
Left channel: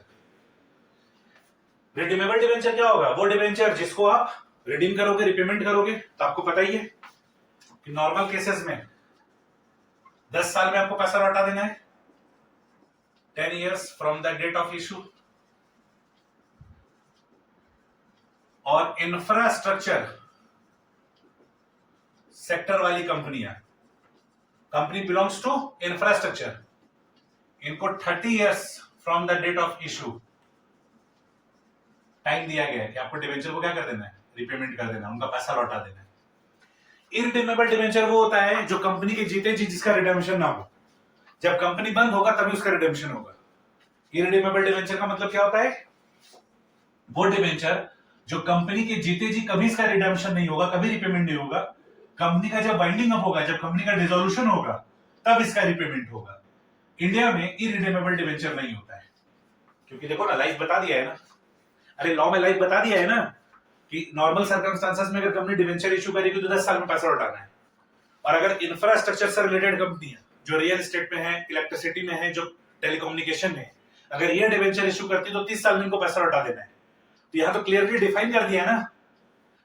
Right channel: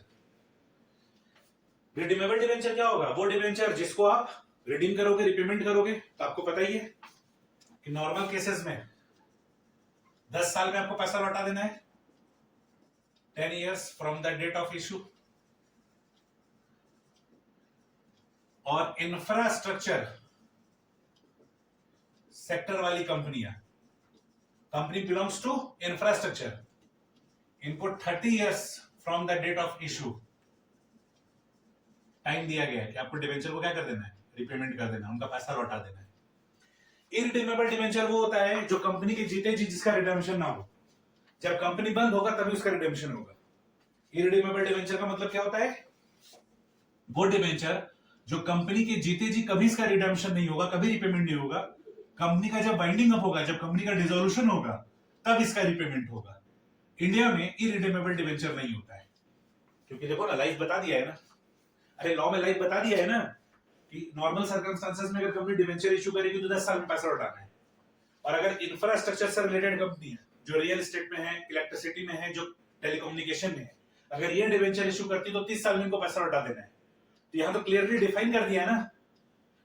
रिडीमेबल डिवेंचर क्या होगा? वो डिवेंचर जिसको आप रिडीम करोगे, रिपेमेंट करोगे, तो आपको पता ही है कि नॉर्मल केसेस में 10 साल में आपको पैसा लौटा देना है, 10 years from the date of issue. और इंफ्रास्ट्रक्चर सेक्टर वाली कंपनियां, कंपनी बिलोंग्स टू इंफ्रास्ट्रक्चर, इनको 30 years from the date of issue time दिया गया है कि आपको डिवेंचर को क्या कर देना है? रिपेमेंट कर देना, उनका पैसा लौटा देना है। इरिडीमेबल डिवेंचर वो होता है जो कंपनी के जीते जी जिसका रिडेम्पशन ना हो, जब कंपनी बंद होगा तभी उसका रिडेम्पशन होगा। इरिडीमेबल डिवेंचर का मतलब क्या होता है? वो डिवेंचर जो कंपनी के जीते जी कभी इसका रिडेम्पशन नहीं होगा, कभी रिपेमेंट नहीं होगा। कंपनी का जब बाइंडिंग अप होगा, जब कंपनी का डिसोल्यूशन होगा, तब इसका रिपेमेंट होगा। इंडिया में इरिडीमेबल डिवेंचर नहीं होता है, क्योंकि देखो ना, लाइफ बता दिया है ना, अरे लॉ में लाइफ बता दिया है ना कि नॉर्मल सर्कमस्टांसेस में अगर कंपनी डिवेंचर इशू करेगी तो 10 साल में पैसा लौटाना है। और अगर इंफ्रास्ट्रक्चर से रिलेटेड कंपनियां जो रियल एस्टेट में है, इलेक्ट्रिसिटी में है, जो टेलीकम्युनिकेशन में है, अगर ये डिवेंचर इशू करती तो 30 साल में इनको पैसा लौटा देना है। तो यहां तो क्लियरली डिफाइन कर दिया है ना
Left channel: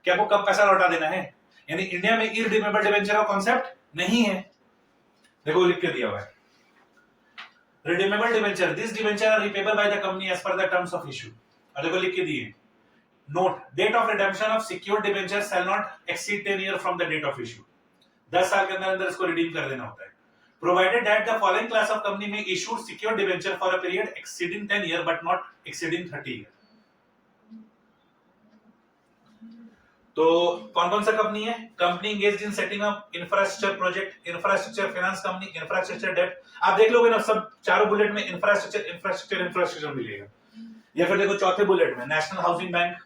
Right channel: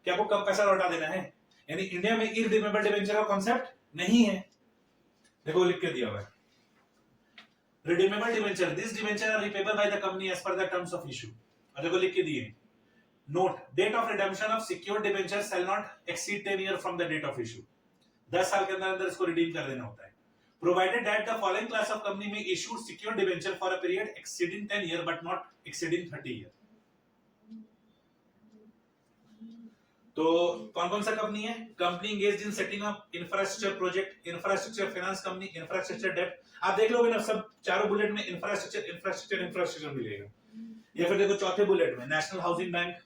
कि आपको कब पैसा लौटा देना है। यानी इंडिया में इरिडीमेबल डिवेंचर का कॉन्सेप्ट नहीं है। देखो लिख के दिया हुआ है, redeemable debenture, this debenture are repayable by the company as per the terms of issue. और देखो लिख के दिए, note, date of redemption of secured debenture shall not exceed 10 year from the date of issue. 10 साल के अंदर अंदर इसको रिडीम कर देना होता है। Provided that the following class of company में issued secured debenture for a period exceeding 10 year but not exceeding 30 year. तो कौन कौन सा कंपनी है? Company engaged in setting up infrastructure project, infrastructure finance company, infrastructure डेब्ट। आप देख लोगे ना, सब चारों बुलेट में इंफ्रास्ट्रक्चर इंफ्रास्ट्रक्चर इंफ्रास्ट्रक्चर मिलेगा। या फिर देखो चौथे बुलेट में नेशनल हाउसिंग बैंक,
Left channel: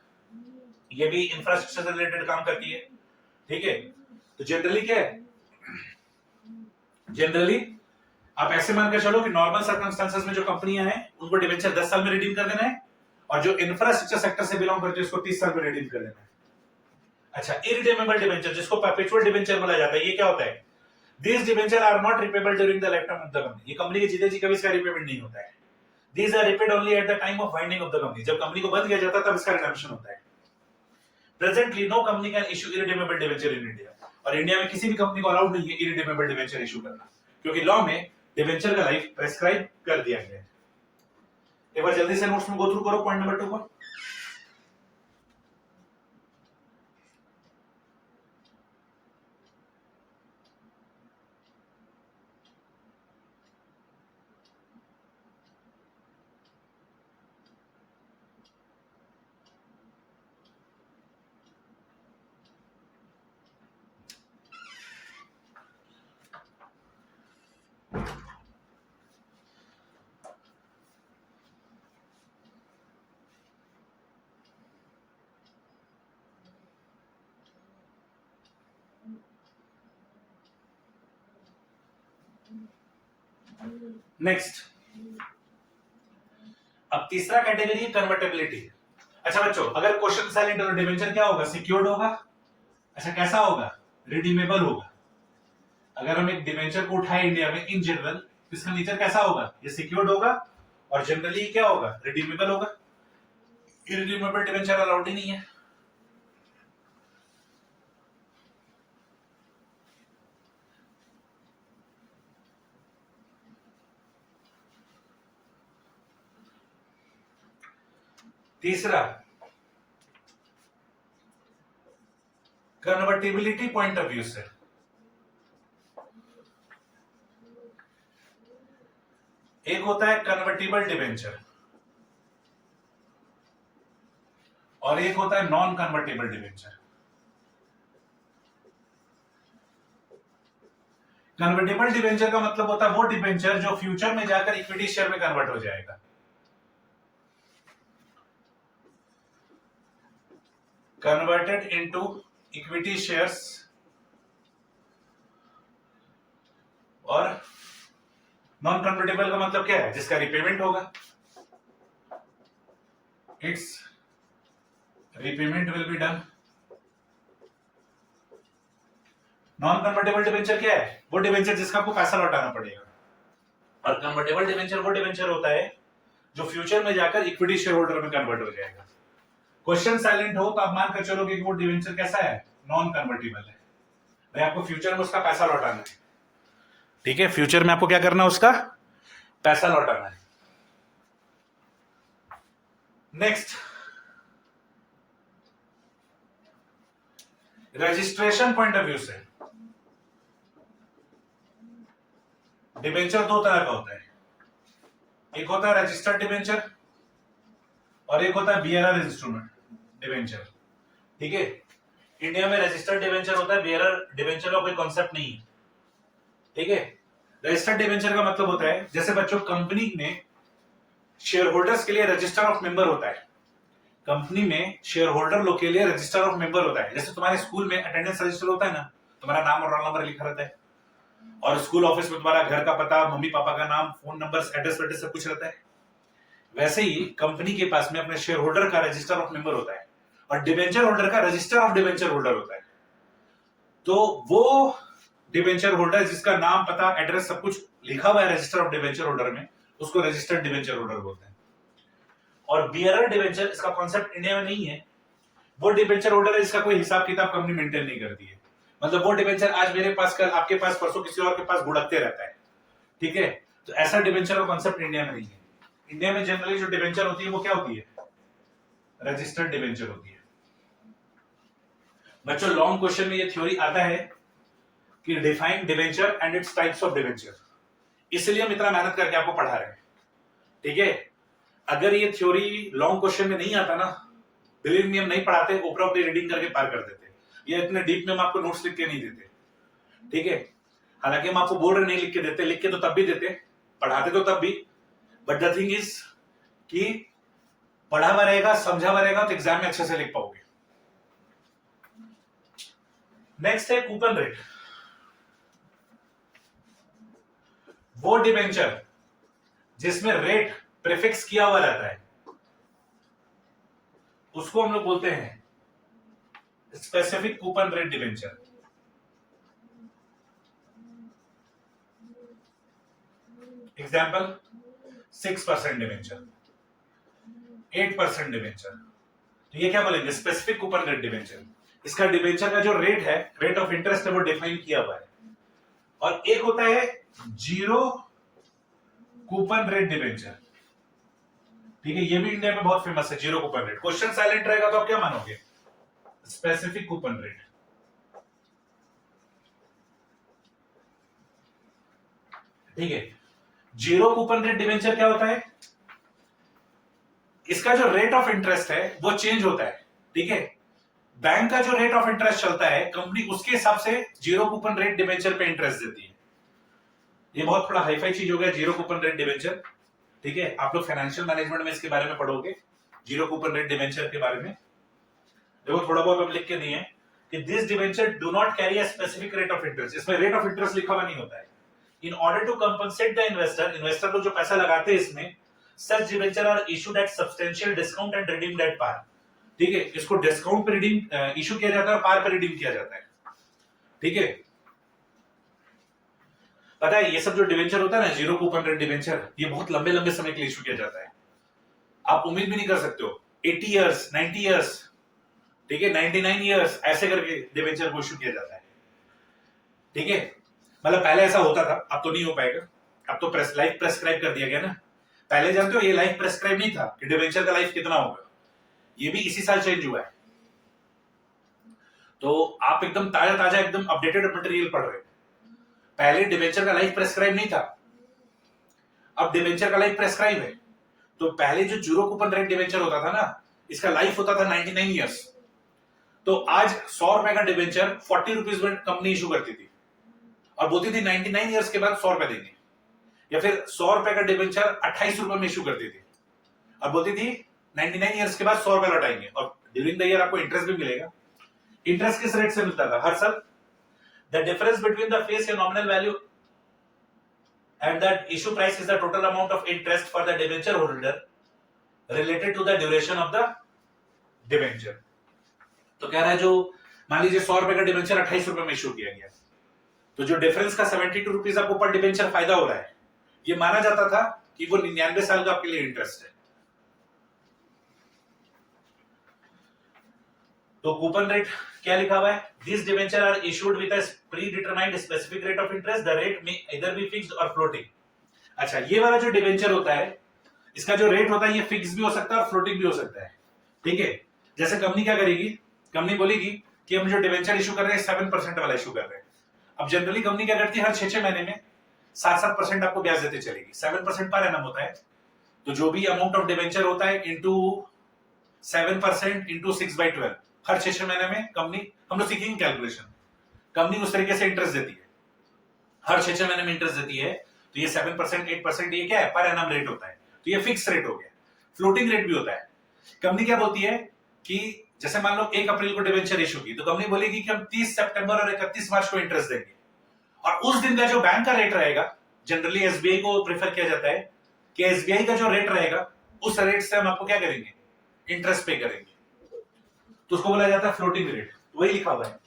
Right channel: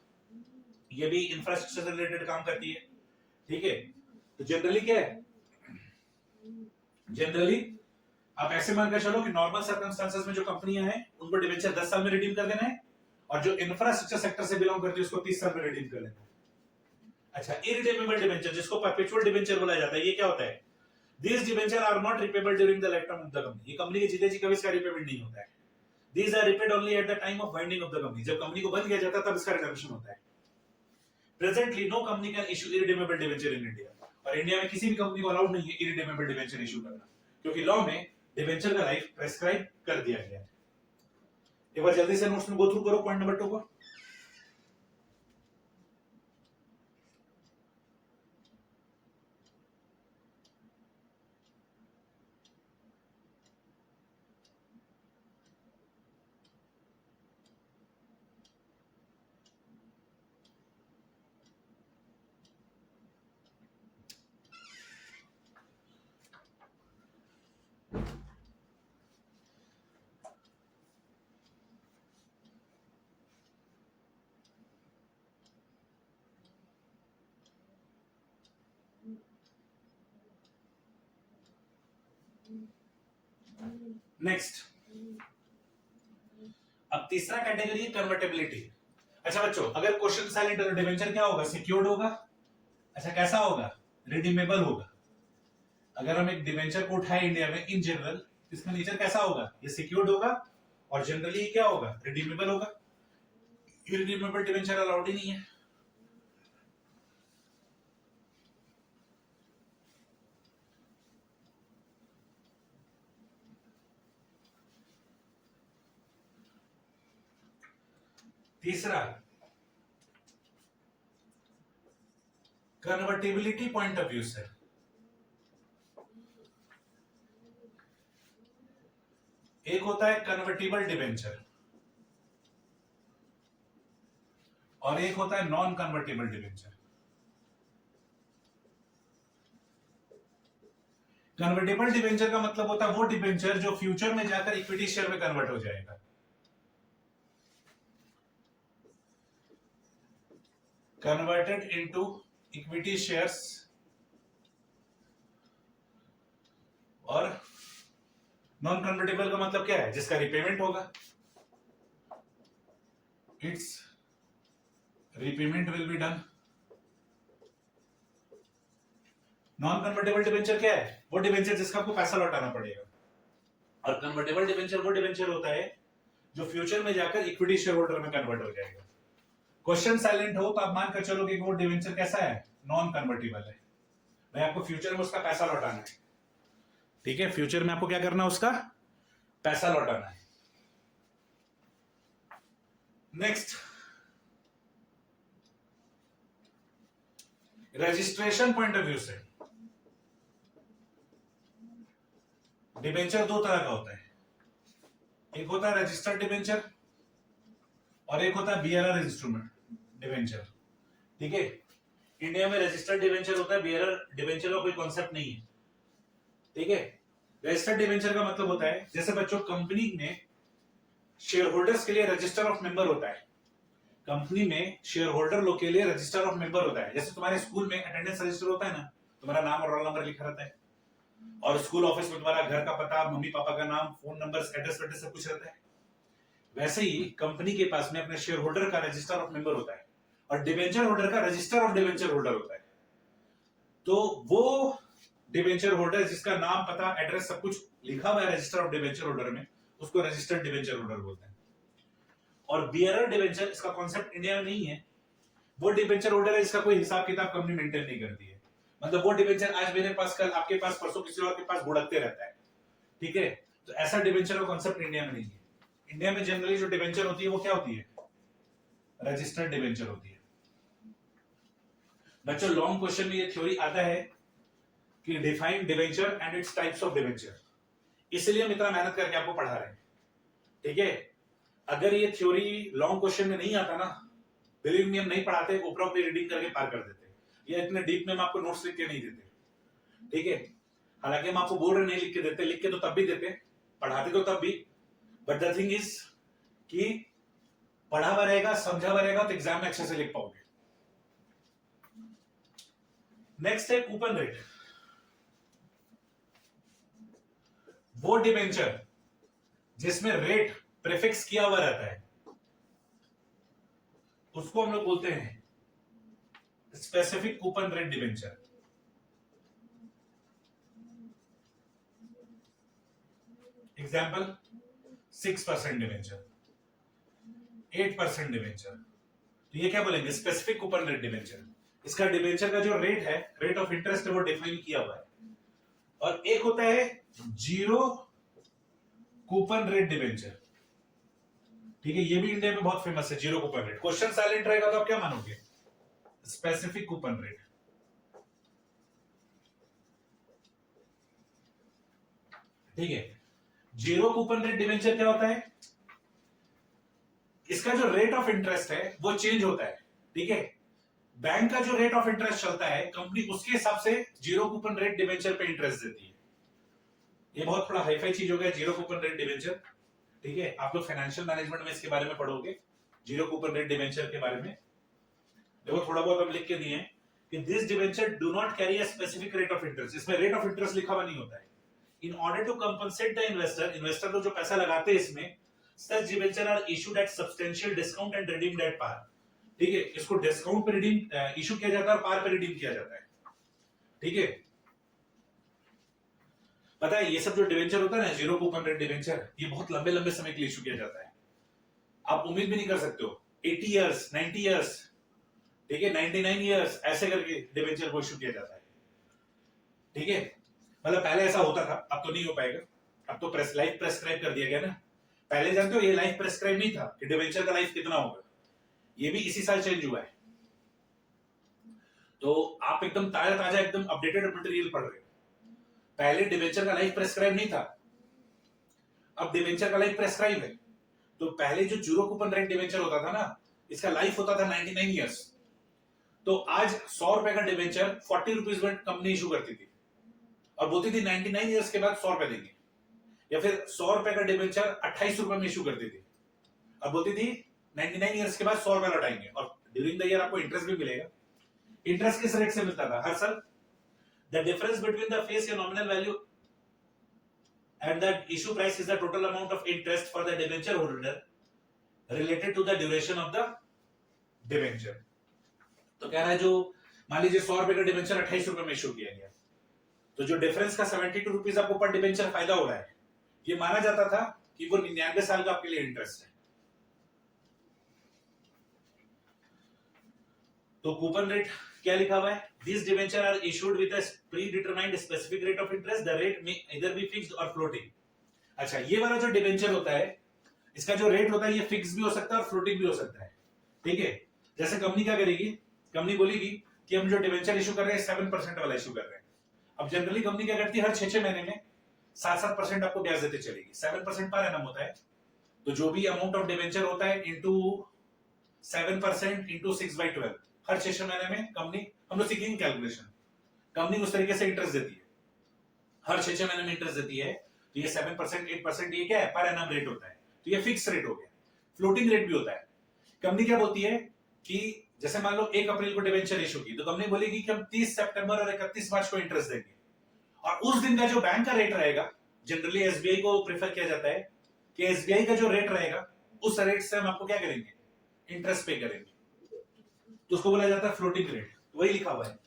ये भी इंफ्रास्ट्रक्चर से रिलेटेड काम करती है। ठीक है, तो जनरली क्या है, जनरली आप ऐसे मानकर चलो कि नॉर्मल सर्कमस्टांसेस में जो कंपनियां हैं उनको डिवेंचर 10 साल में रिडीम कर देना है, और जो इंफ्रास्ट्रक्चर सेक्टर से बिलोंग करती है उसको 30 साल में रिडीम कर देना है। अच्छा, इरिडीमेबल डिवेंचर जिसको परपेचुअल डिवेंचर बोला जाता है, ये क्या होता है? These debentures are not repayable during the lifetime of the company. ये कंपनी के जीते जी कभी इसका रिपेमेंट नहीं होता है। These are repaid only at the time of winding of the company. जब कंपनी को बंद किया जाता है तब इसका रिडेम्पशन होता है। Presently, no company can issue irredeemable debenture in India. और इंडिया में किसी भी कंपनी को अलाउड नहीं है irredeemable debenture इशू करना, क्योंकि लॉ में डिवेंचर का लाइफ प्रेस्क्राइब कर दिया गया है। एक बार जल्दी से नोट्स में गो थ्रू करो पॉइंट नंबर 2 को। नेक्स्ट, अब तीसरा कैटेगरी कन्वर्टेबिलिटी। अच्छा बच्चों, अगर क्वेश्चन साइलेंट और डिबेंचर क्या होगा? सिक्योर्ड होगा। अच्छा कैसा होगा? रिडीमेबल होगा। अगर हम एक डिबेंचर को उठाए इंडिया में इन जनरल, तो इसका नेचर कैसा होगा? ये सिक्योर्ड होगा और जनरली क्या होगा? रिडीमेबल होगा। इरिडीमेबल डिबेंचर अलाउड ही नहीं है। तीसरा, कन्वर्टिबिलिटी पॉइंट ऑफ व्यू से एक होता है कन्वर्टिबल डिबेंचर और एक होता है non convertible debenture. Convertible debenture का मतलब होता है वो डिबेंचर जो फ्यूचर में जाकर इक्विटी शेयर में कन्वर्ट हो जाएगा। Converted into equity shares. और नॉन कन्वर्टेबल का मतलब क्या है? जिसका रिपेमेंट होगा। It's repayment will be done. Non convertible debenture क्या है? वो डिबेंचर जिसका आपको पैसा लौटाना पड़ेगा। और कन्वर्टेबल डिबेंचर वो डिबेंचर होता है जो फ्यूचर में जाकर इक्विटी शेयर होल्डर में कन्वर्ट हो जाएगा। क्वेश्चन साइलेंट हो तो आप मान कर चलोगे कि वो डिबेंचर कैसा है? नॉन कन्वर्टेबल है। भाई आपको फ्यूचर में उसका पैसा लौटाना है। ठीक है, फ्यूचर में आपको क्या करना है? उसका पैसा लौटाना है। Next, registration point of view से डिबेंचर दो तरह का होता है। एक होता है रजिस्टर्ड डिबेंचर और एक होता है बियरर इंस्ट्रूमेंट डिबेंचर। ठीक है, इंडिया में रजिस्टर्ड डिबेंचर होता है, बियरर डिबेंचर का कोई कॉन्सेप्ट नहीं है। ठीक है, रजिस्टर्ड डिबेंचर का मतलब होता है जैसे बच्चों कंपनी में शेयर होल्डर्स के लिए रजिस्टर ऑफ मेंबर होता है। कंपनी में शेयर होल्डर लोग के लिए रजिस्टर ऑफ मेंबर होता है। जैसे तुम्हारे स्कूल में अटेंडेंस रजिस्टर होता है ना, तुम्हारा नाम और रोल नंबर लिखा रहता है। और स्कूल ऑफिस में तुम्हारा घर का पता, मम्मी पापा का नाम, फोन नंबर, एड्रेस वेड्रेस सब कुछ रहता है। वैसे ही कंपनी के पास में अपने शेयर होल्डर का रजिस्टर ऑफ मेंबर होता है और डिबेंचर होल्डर का रजिस्टर ऑफ डिबेंचर होल्डर होता है। तो वो डिबेंचर होल्डर जिसका नाम, पता, एड्रेस सब कुछ लिखा हुआ है रजिस्टर ऑफ डिबेंचर होल्डर में, उसको रजिस्टर्ड डिबेंचर होल्डर बोलते हैं। और बियरर डिबेंचर, इसका कॉन्सेप्ट इंडिया में नहीं है। वो डिबेंचर होल्डर है जिसका कोई हिसाब किताब कंपनी मेंटेन नहीं करती है। मतलब वो डिबेंचर आज मेरे पास, कल आपके पास, परसों किसी और के पास गुड़कते रहता है। ठीक है, तो ऐसा डिबेंचर का कॉन्सेप्ट इंडिया में नहीं है। इंडिया में जनरली जो डिबेंचर होती है वो क्या होती है? रजिस्टर्ड डिबेंचर होती है। बच्चों लॉन्ग क्वेश्चन में ये थ्योरी आता है कि define debenture and its types of debenture, इसलिए हम इतना मेहनत करके आपको पढ़ा रहे हैं। ठीक है, अगर ये थ्योरी लॉन्ग क्वेश्चन में नहीं आता ना, बिलीव मी हम नहीं पढ़ाते, ऊपर ऊपर रीडिंग करके पार कर देते। ये इतने डीप में हम आपको नोट्स लिख के नहीं देते। ठीक है, हालांकि हम आपको बोल रहे नहीं लिख के देते, लिख के तो तब भी देते, पढ़ाते तो तब भी। बट द थिंग इज कि पढ़ा हुआ रहेगा, समझा हुआ रहेगा तो एग्जाम में अच्छे से लिख पाओगे। नेक्स्ट है कूपन रेट। वो डिबेंचर जिसमें रेट प्रीफिक्स किया हुआ रहता है उसको हम लोग बोलते हैं specific coupon rate debenture. Example 6% debenture, 8% debenture. तो ये क्या बोलेंगे? Specific coupon rate debenture. इसका डिबेंचर का जो रेट है, रेट ऑफ इंटरेस्ट है, वो डिफाइन किया हुआ है। और एक होता है जीरो कूपन रेट डिबेंचर। ठीक है, ये भी इंडिया में बहुत फेमस है, zero coupon rate. Question silent रहेगा तो आप क्या मानोगे? Specific coupon rate. ठीक है, जीरो कूपन रेट डिबेंचर क्या होता है? इसका जो रेट ऑफ इंटरेस्ट है वो चेंज होता है। ठीक है, बैंक का जो रेट ऑफ इंटरेस्ट चलता है, कंपनी उसके हिसाब से जीरो कूपन रेट डिबेंचर पे इंटरेस्ट देती है। ये बहुत थोड़ा हाईफाई चीज हो गया, जीरो कूपन रेट डिबेंचर। ठीक है, आप लोग फाइनेंशियल मैनेजमेंट में इसके बारे में पढ़ोगे, जीरो कूपन रेट डिबेंचर के बारे में। देखो थोड़ा बहुत हम लिख के दिए कि this debenture do not carry a specific rate of interest. इसमें रेट ऑफ इंटरेस्ट लिखा हुआ नहीं होता है, in order to compensate the investor को जो पैसा लगाते हैं इसमें, such debenture are issued at substantial discount and redeemed at par. ठीक है, इसको डिस्काउंट पे रिडीम इशू किया जाता है और पार पे रिडीम किया जाता है। ठीक है, पता है ये सब जो डिबेंचर होता है ना, जीरो कूपन रेट डिबेंचर, ये बहुत लंबे लंबे समय के लिए इशू किया जाता है। आप उम्मीद भी नहीं कर सकते हो 80 इयर्स 90 इयर्स, ठीक है 99 इयर्स, ऐसे करके डिबेंचर को इशू किया जाता है। ठीक है, मतलब पहले ऐसा होता था, अब तो नहीं हो पाएगा, अब तो लाइफ प्रेस्क्राइब कर दिया गया ना। पहले जानते हो ये लाइफ प्रेस्क्राइब नहीं था कि डिबेंचर का लाइफ कितना होगा, ये भी इसी साल चेंज हुआ है। तो आप एकदम ताजा ताजा एकदम अपडेटेड मटेरियल पढ़ रहे हो। पहले डिबेंचर का लाइफ प्रेस्क्राइब नहीं था, अब डिबेंचर का लाइफ प्रेस्क्राइब है। तो पहले जो जीरो कूपन रेट डिबेंचर होता था ना, इसका लाइफ होता था 99 इयर्स। तो आज 100 रुपए का डिबेंचर 40 रुपीज में कंपनी इशू करती थी और बोलती थी 99 इयर्स के बाद 100 रुपए देंगे, या फिर 100 रुपए का डिबेंचर 28 रुपए में इशू करती थी और बोलती थी 99 इयर्स के बाद 100 रुपए लौटाएंगे और ड्यूरिंग द ईयर आपको इंटरेस्ट भी मिलेगा। इंटरेस्ट किस रेट से मिलता था हर साल? The difference between the face या nominal value and that issue price is the total amount of interest for the debenture holder related to the duration of the debenture। तो कह रहा है जो मान लीजिए 100 रुपए का डिबेंचर 28 रुपए में इशू किया गया, तो जो डिफरेंस का 72 रुपीज आपको पर डिबेंचर फायदा हो रहा है, ये माना जाता था कि वो 99 साल का आपके लिए इंटरेस्ट है। तो कूपन रेट क्या लिखा हुआ है? These debentures are issued with a predetermined specific rate of interest. The rate may either be fixed or floating। अच्छा, ये वाला जो डिबेंचर होता है, इसका जो रेट होता है ये फिक्स भी हो सकता है और फ्लोटिंग भी हो सकता है। ठीक है, जैसे कंपनी क्या करेगी, कंपनी बोलेगी कि हम जो डिबेंचर इशू कर रहे हैं 7% वाला इशू कर रहे हैं। अब जनरली कंपनी क्या करती है, हर 6-6 महीने में 7-7% आपको ब्याज देते चलेगी। 7% पर एनम होता है, तो जो भी अमाउंट ऑफ डिबेंचर होता है इंटू 7% इंटू 6/12, हर 6-6 महीने में कंपनी, हम लोग सीखेंगे कैलकुलेशन, कंपनी उस तरीके से इंटरेस्ट देती है, हर 6-6 महीने में इंटरेस्ट देती है। तो ये 7% 8% ये क्या है, पर एनम रेट होता है, तो ये फिक्स रेट हो गया। फ्लोटिंग रेट भी होता है। कंपनी क्या बोलती है कि जैसे मान लो 1 अप्रैल को डिबेंचर इशू की, तो कंपनी बोलेगी कि हम 30 सितंबर और 31 मार्च को इंटरेस्ट देंगे, और उस दिन का जो बैंक का रेट रहेगा, जनरली एसबीआई को प्रेफर किया जाता है कि एसबीआई का जो रेट रहेगा उस रेट से हम आपको क्या करेंगे, इंटरेस्ट पे करेंगे, तो उसको बोला जाता है फ्लोटिंग रेट। वही लिखा हुआ है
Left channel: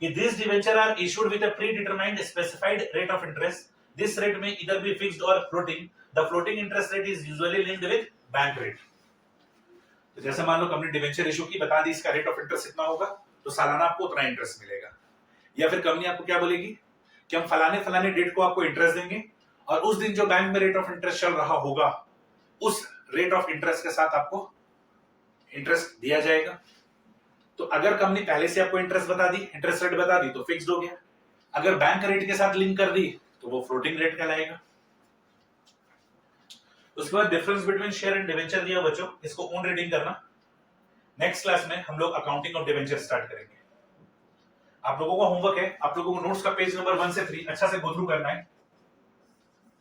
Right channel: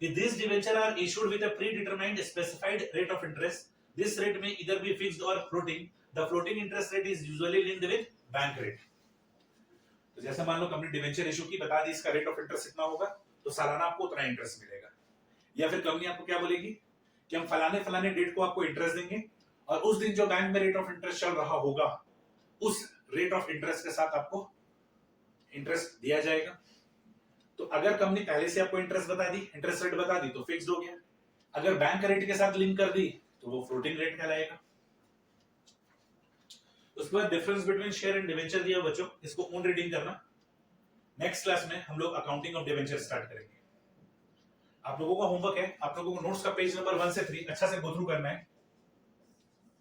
कि this debenture are issued with a predetermined specified rate of interest. This rate may either be fixed और floating. The floating interest rate is usually linked with bank rate. तो जैसे मान लो कंपनी डिबेंचर इशू की, बता दी इसका रेट ऑफ इंटरेस्ट इतना होगा, तो सालाना आपको उतना इंटरेस्ट मिलेगा। या फिर कंपनी आपको क्या बोलेगी कि हम फलाने फलाने डेट को आपको इंटरेस्ट देंगे, और उस दिन जो बैंक में रेट ऑफ इंटरेस्ट चल रहा होगा उस रेट ऑफ इंटरेस्ट के साथ आपको इंटरेस्ट दिया जाएगा। तो अगर कंपनी पहले से आपको इंटरेस्ट बता दी, इंटरेस्ट रेट बता दी, तो फिक्स्ड हो गया। अगर बैंक रेट के साथ लिंक कर दी तो वो फ्लोटिंग रेट कहलाएगा। उसके बाद difference between share and debenture दिया बच्चों, इसको ओन रीडिंग करना। नेक्स्ट क्लास में हम लोग अकाउंटिंग ऑफ डिबेंचर स्टार्ट करेंगे। आप लोगों का होमवर्क है, आप लोगों को नोट्स का पेज नंबर 1 से 3 अच्छा से गो थ्रू करना है।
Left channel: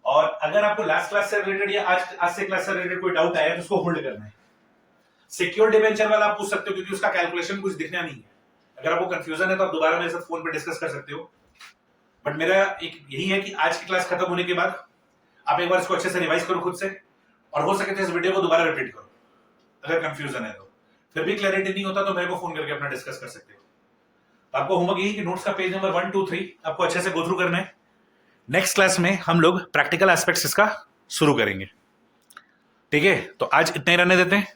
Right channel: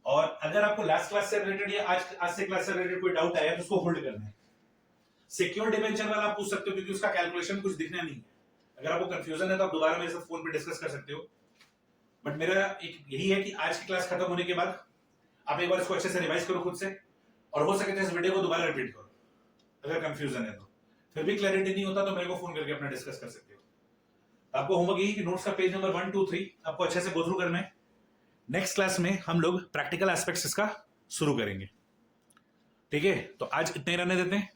और अगर आपको लास्ट क्लास से रिलेटेड या आज से क्लास से रिलेटेड कोई डाउट आया तो उसको होल्ड करना है। सिक्योर डिबेंचर वाला आप पूछ सकते हो, क्योंकि उसका कैलकुलेशन कुछ दिखना नहीं है। अगर आपको कंफ्यूजन है तो आप दोबारा मेरे साथ फोन पे डिस्कस कर सकते हो। बट मेरा एक यही है कि आज की क्लास खत्म होने के बाद आप एक बार इसको अच्छे से रिवाइज करो खुद से, और हो सके तो इस वीडियो को दोबारा रिपीट करो। अगर कंफ्यूजन है तो, फिर भी क्लैरिटी नहीं होता तो मेरे को फोन करके अपना डिस्कस कर सकते हो। आपको होमवर्क यही कि नोट्स का पेज नंबर 1, 2, 3 आपको अच्छे से गो थ्रू करना है। नेक्स्ट क्लास में हम लोग प्रैक्टिकल एस्पेक्ट्स इसका शुरू करेंगे। ठीक है, तो आज इतने ही रहने देते हैं।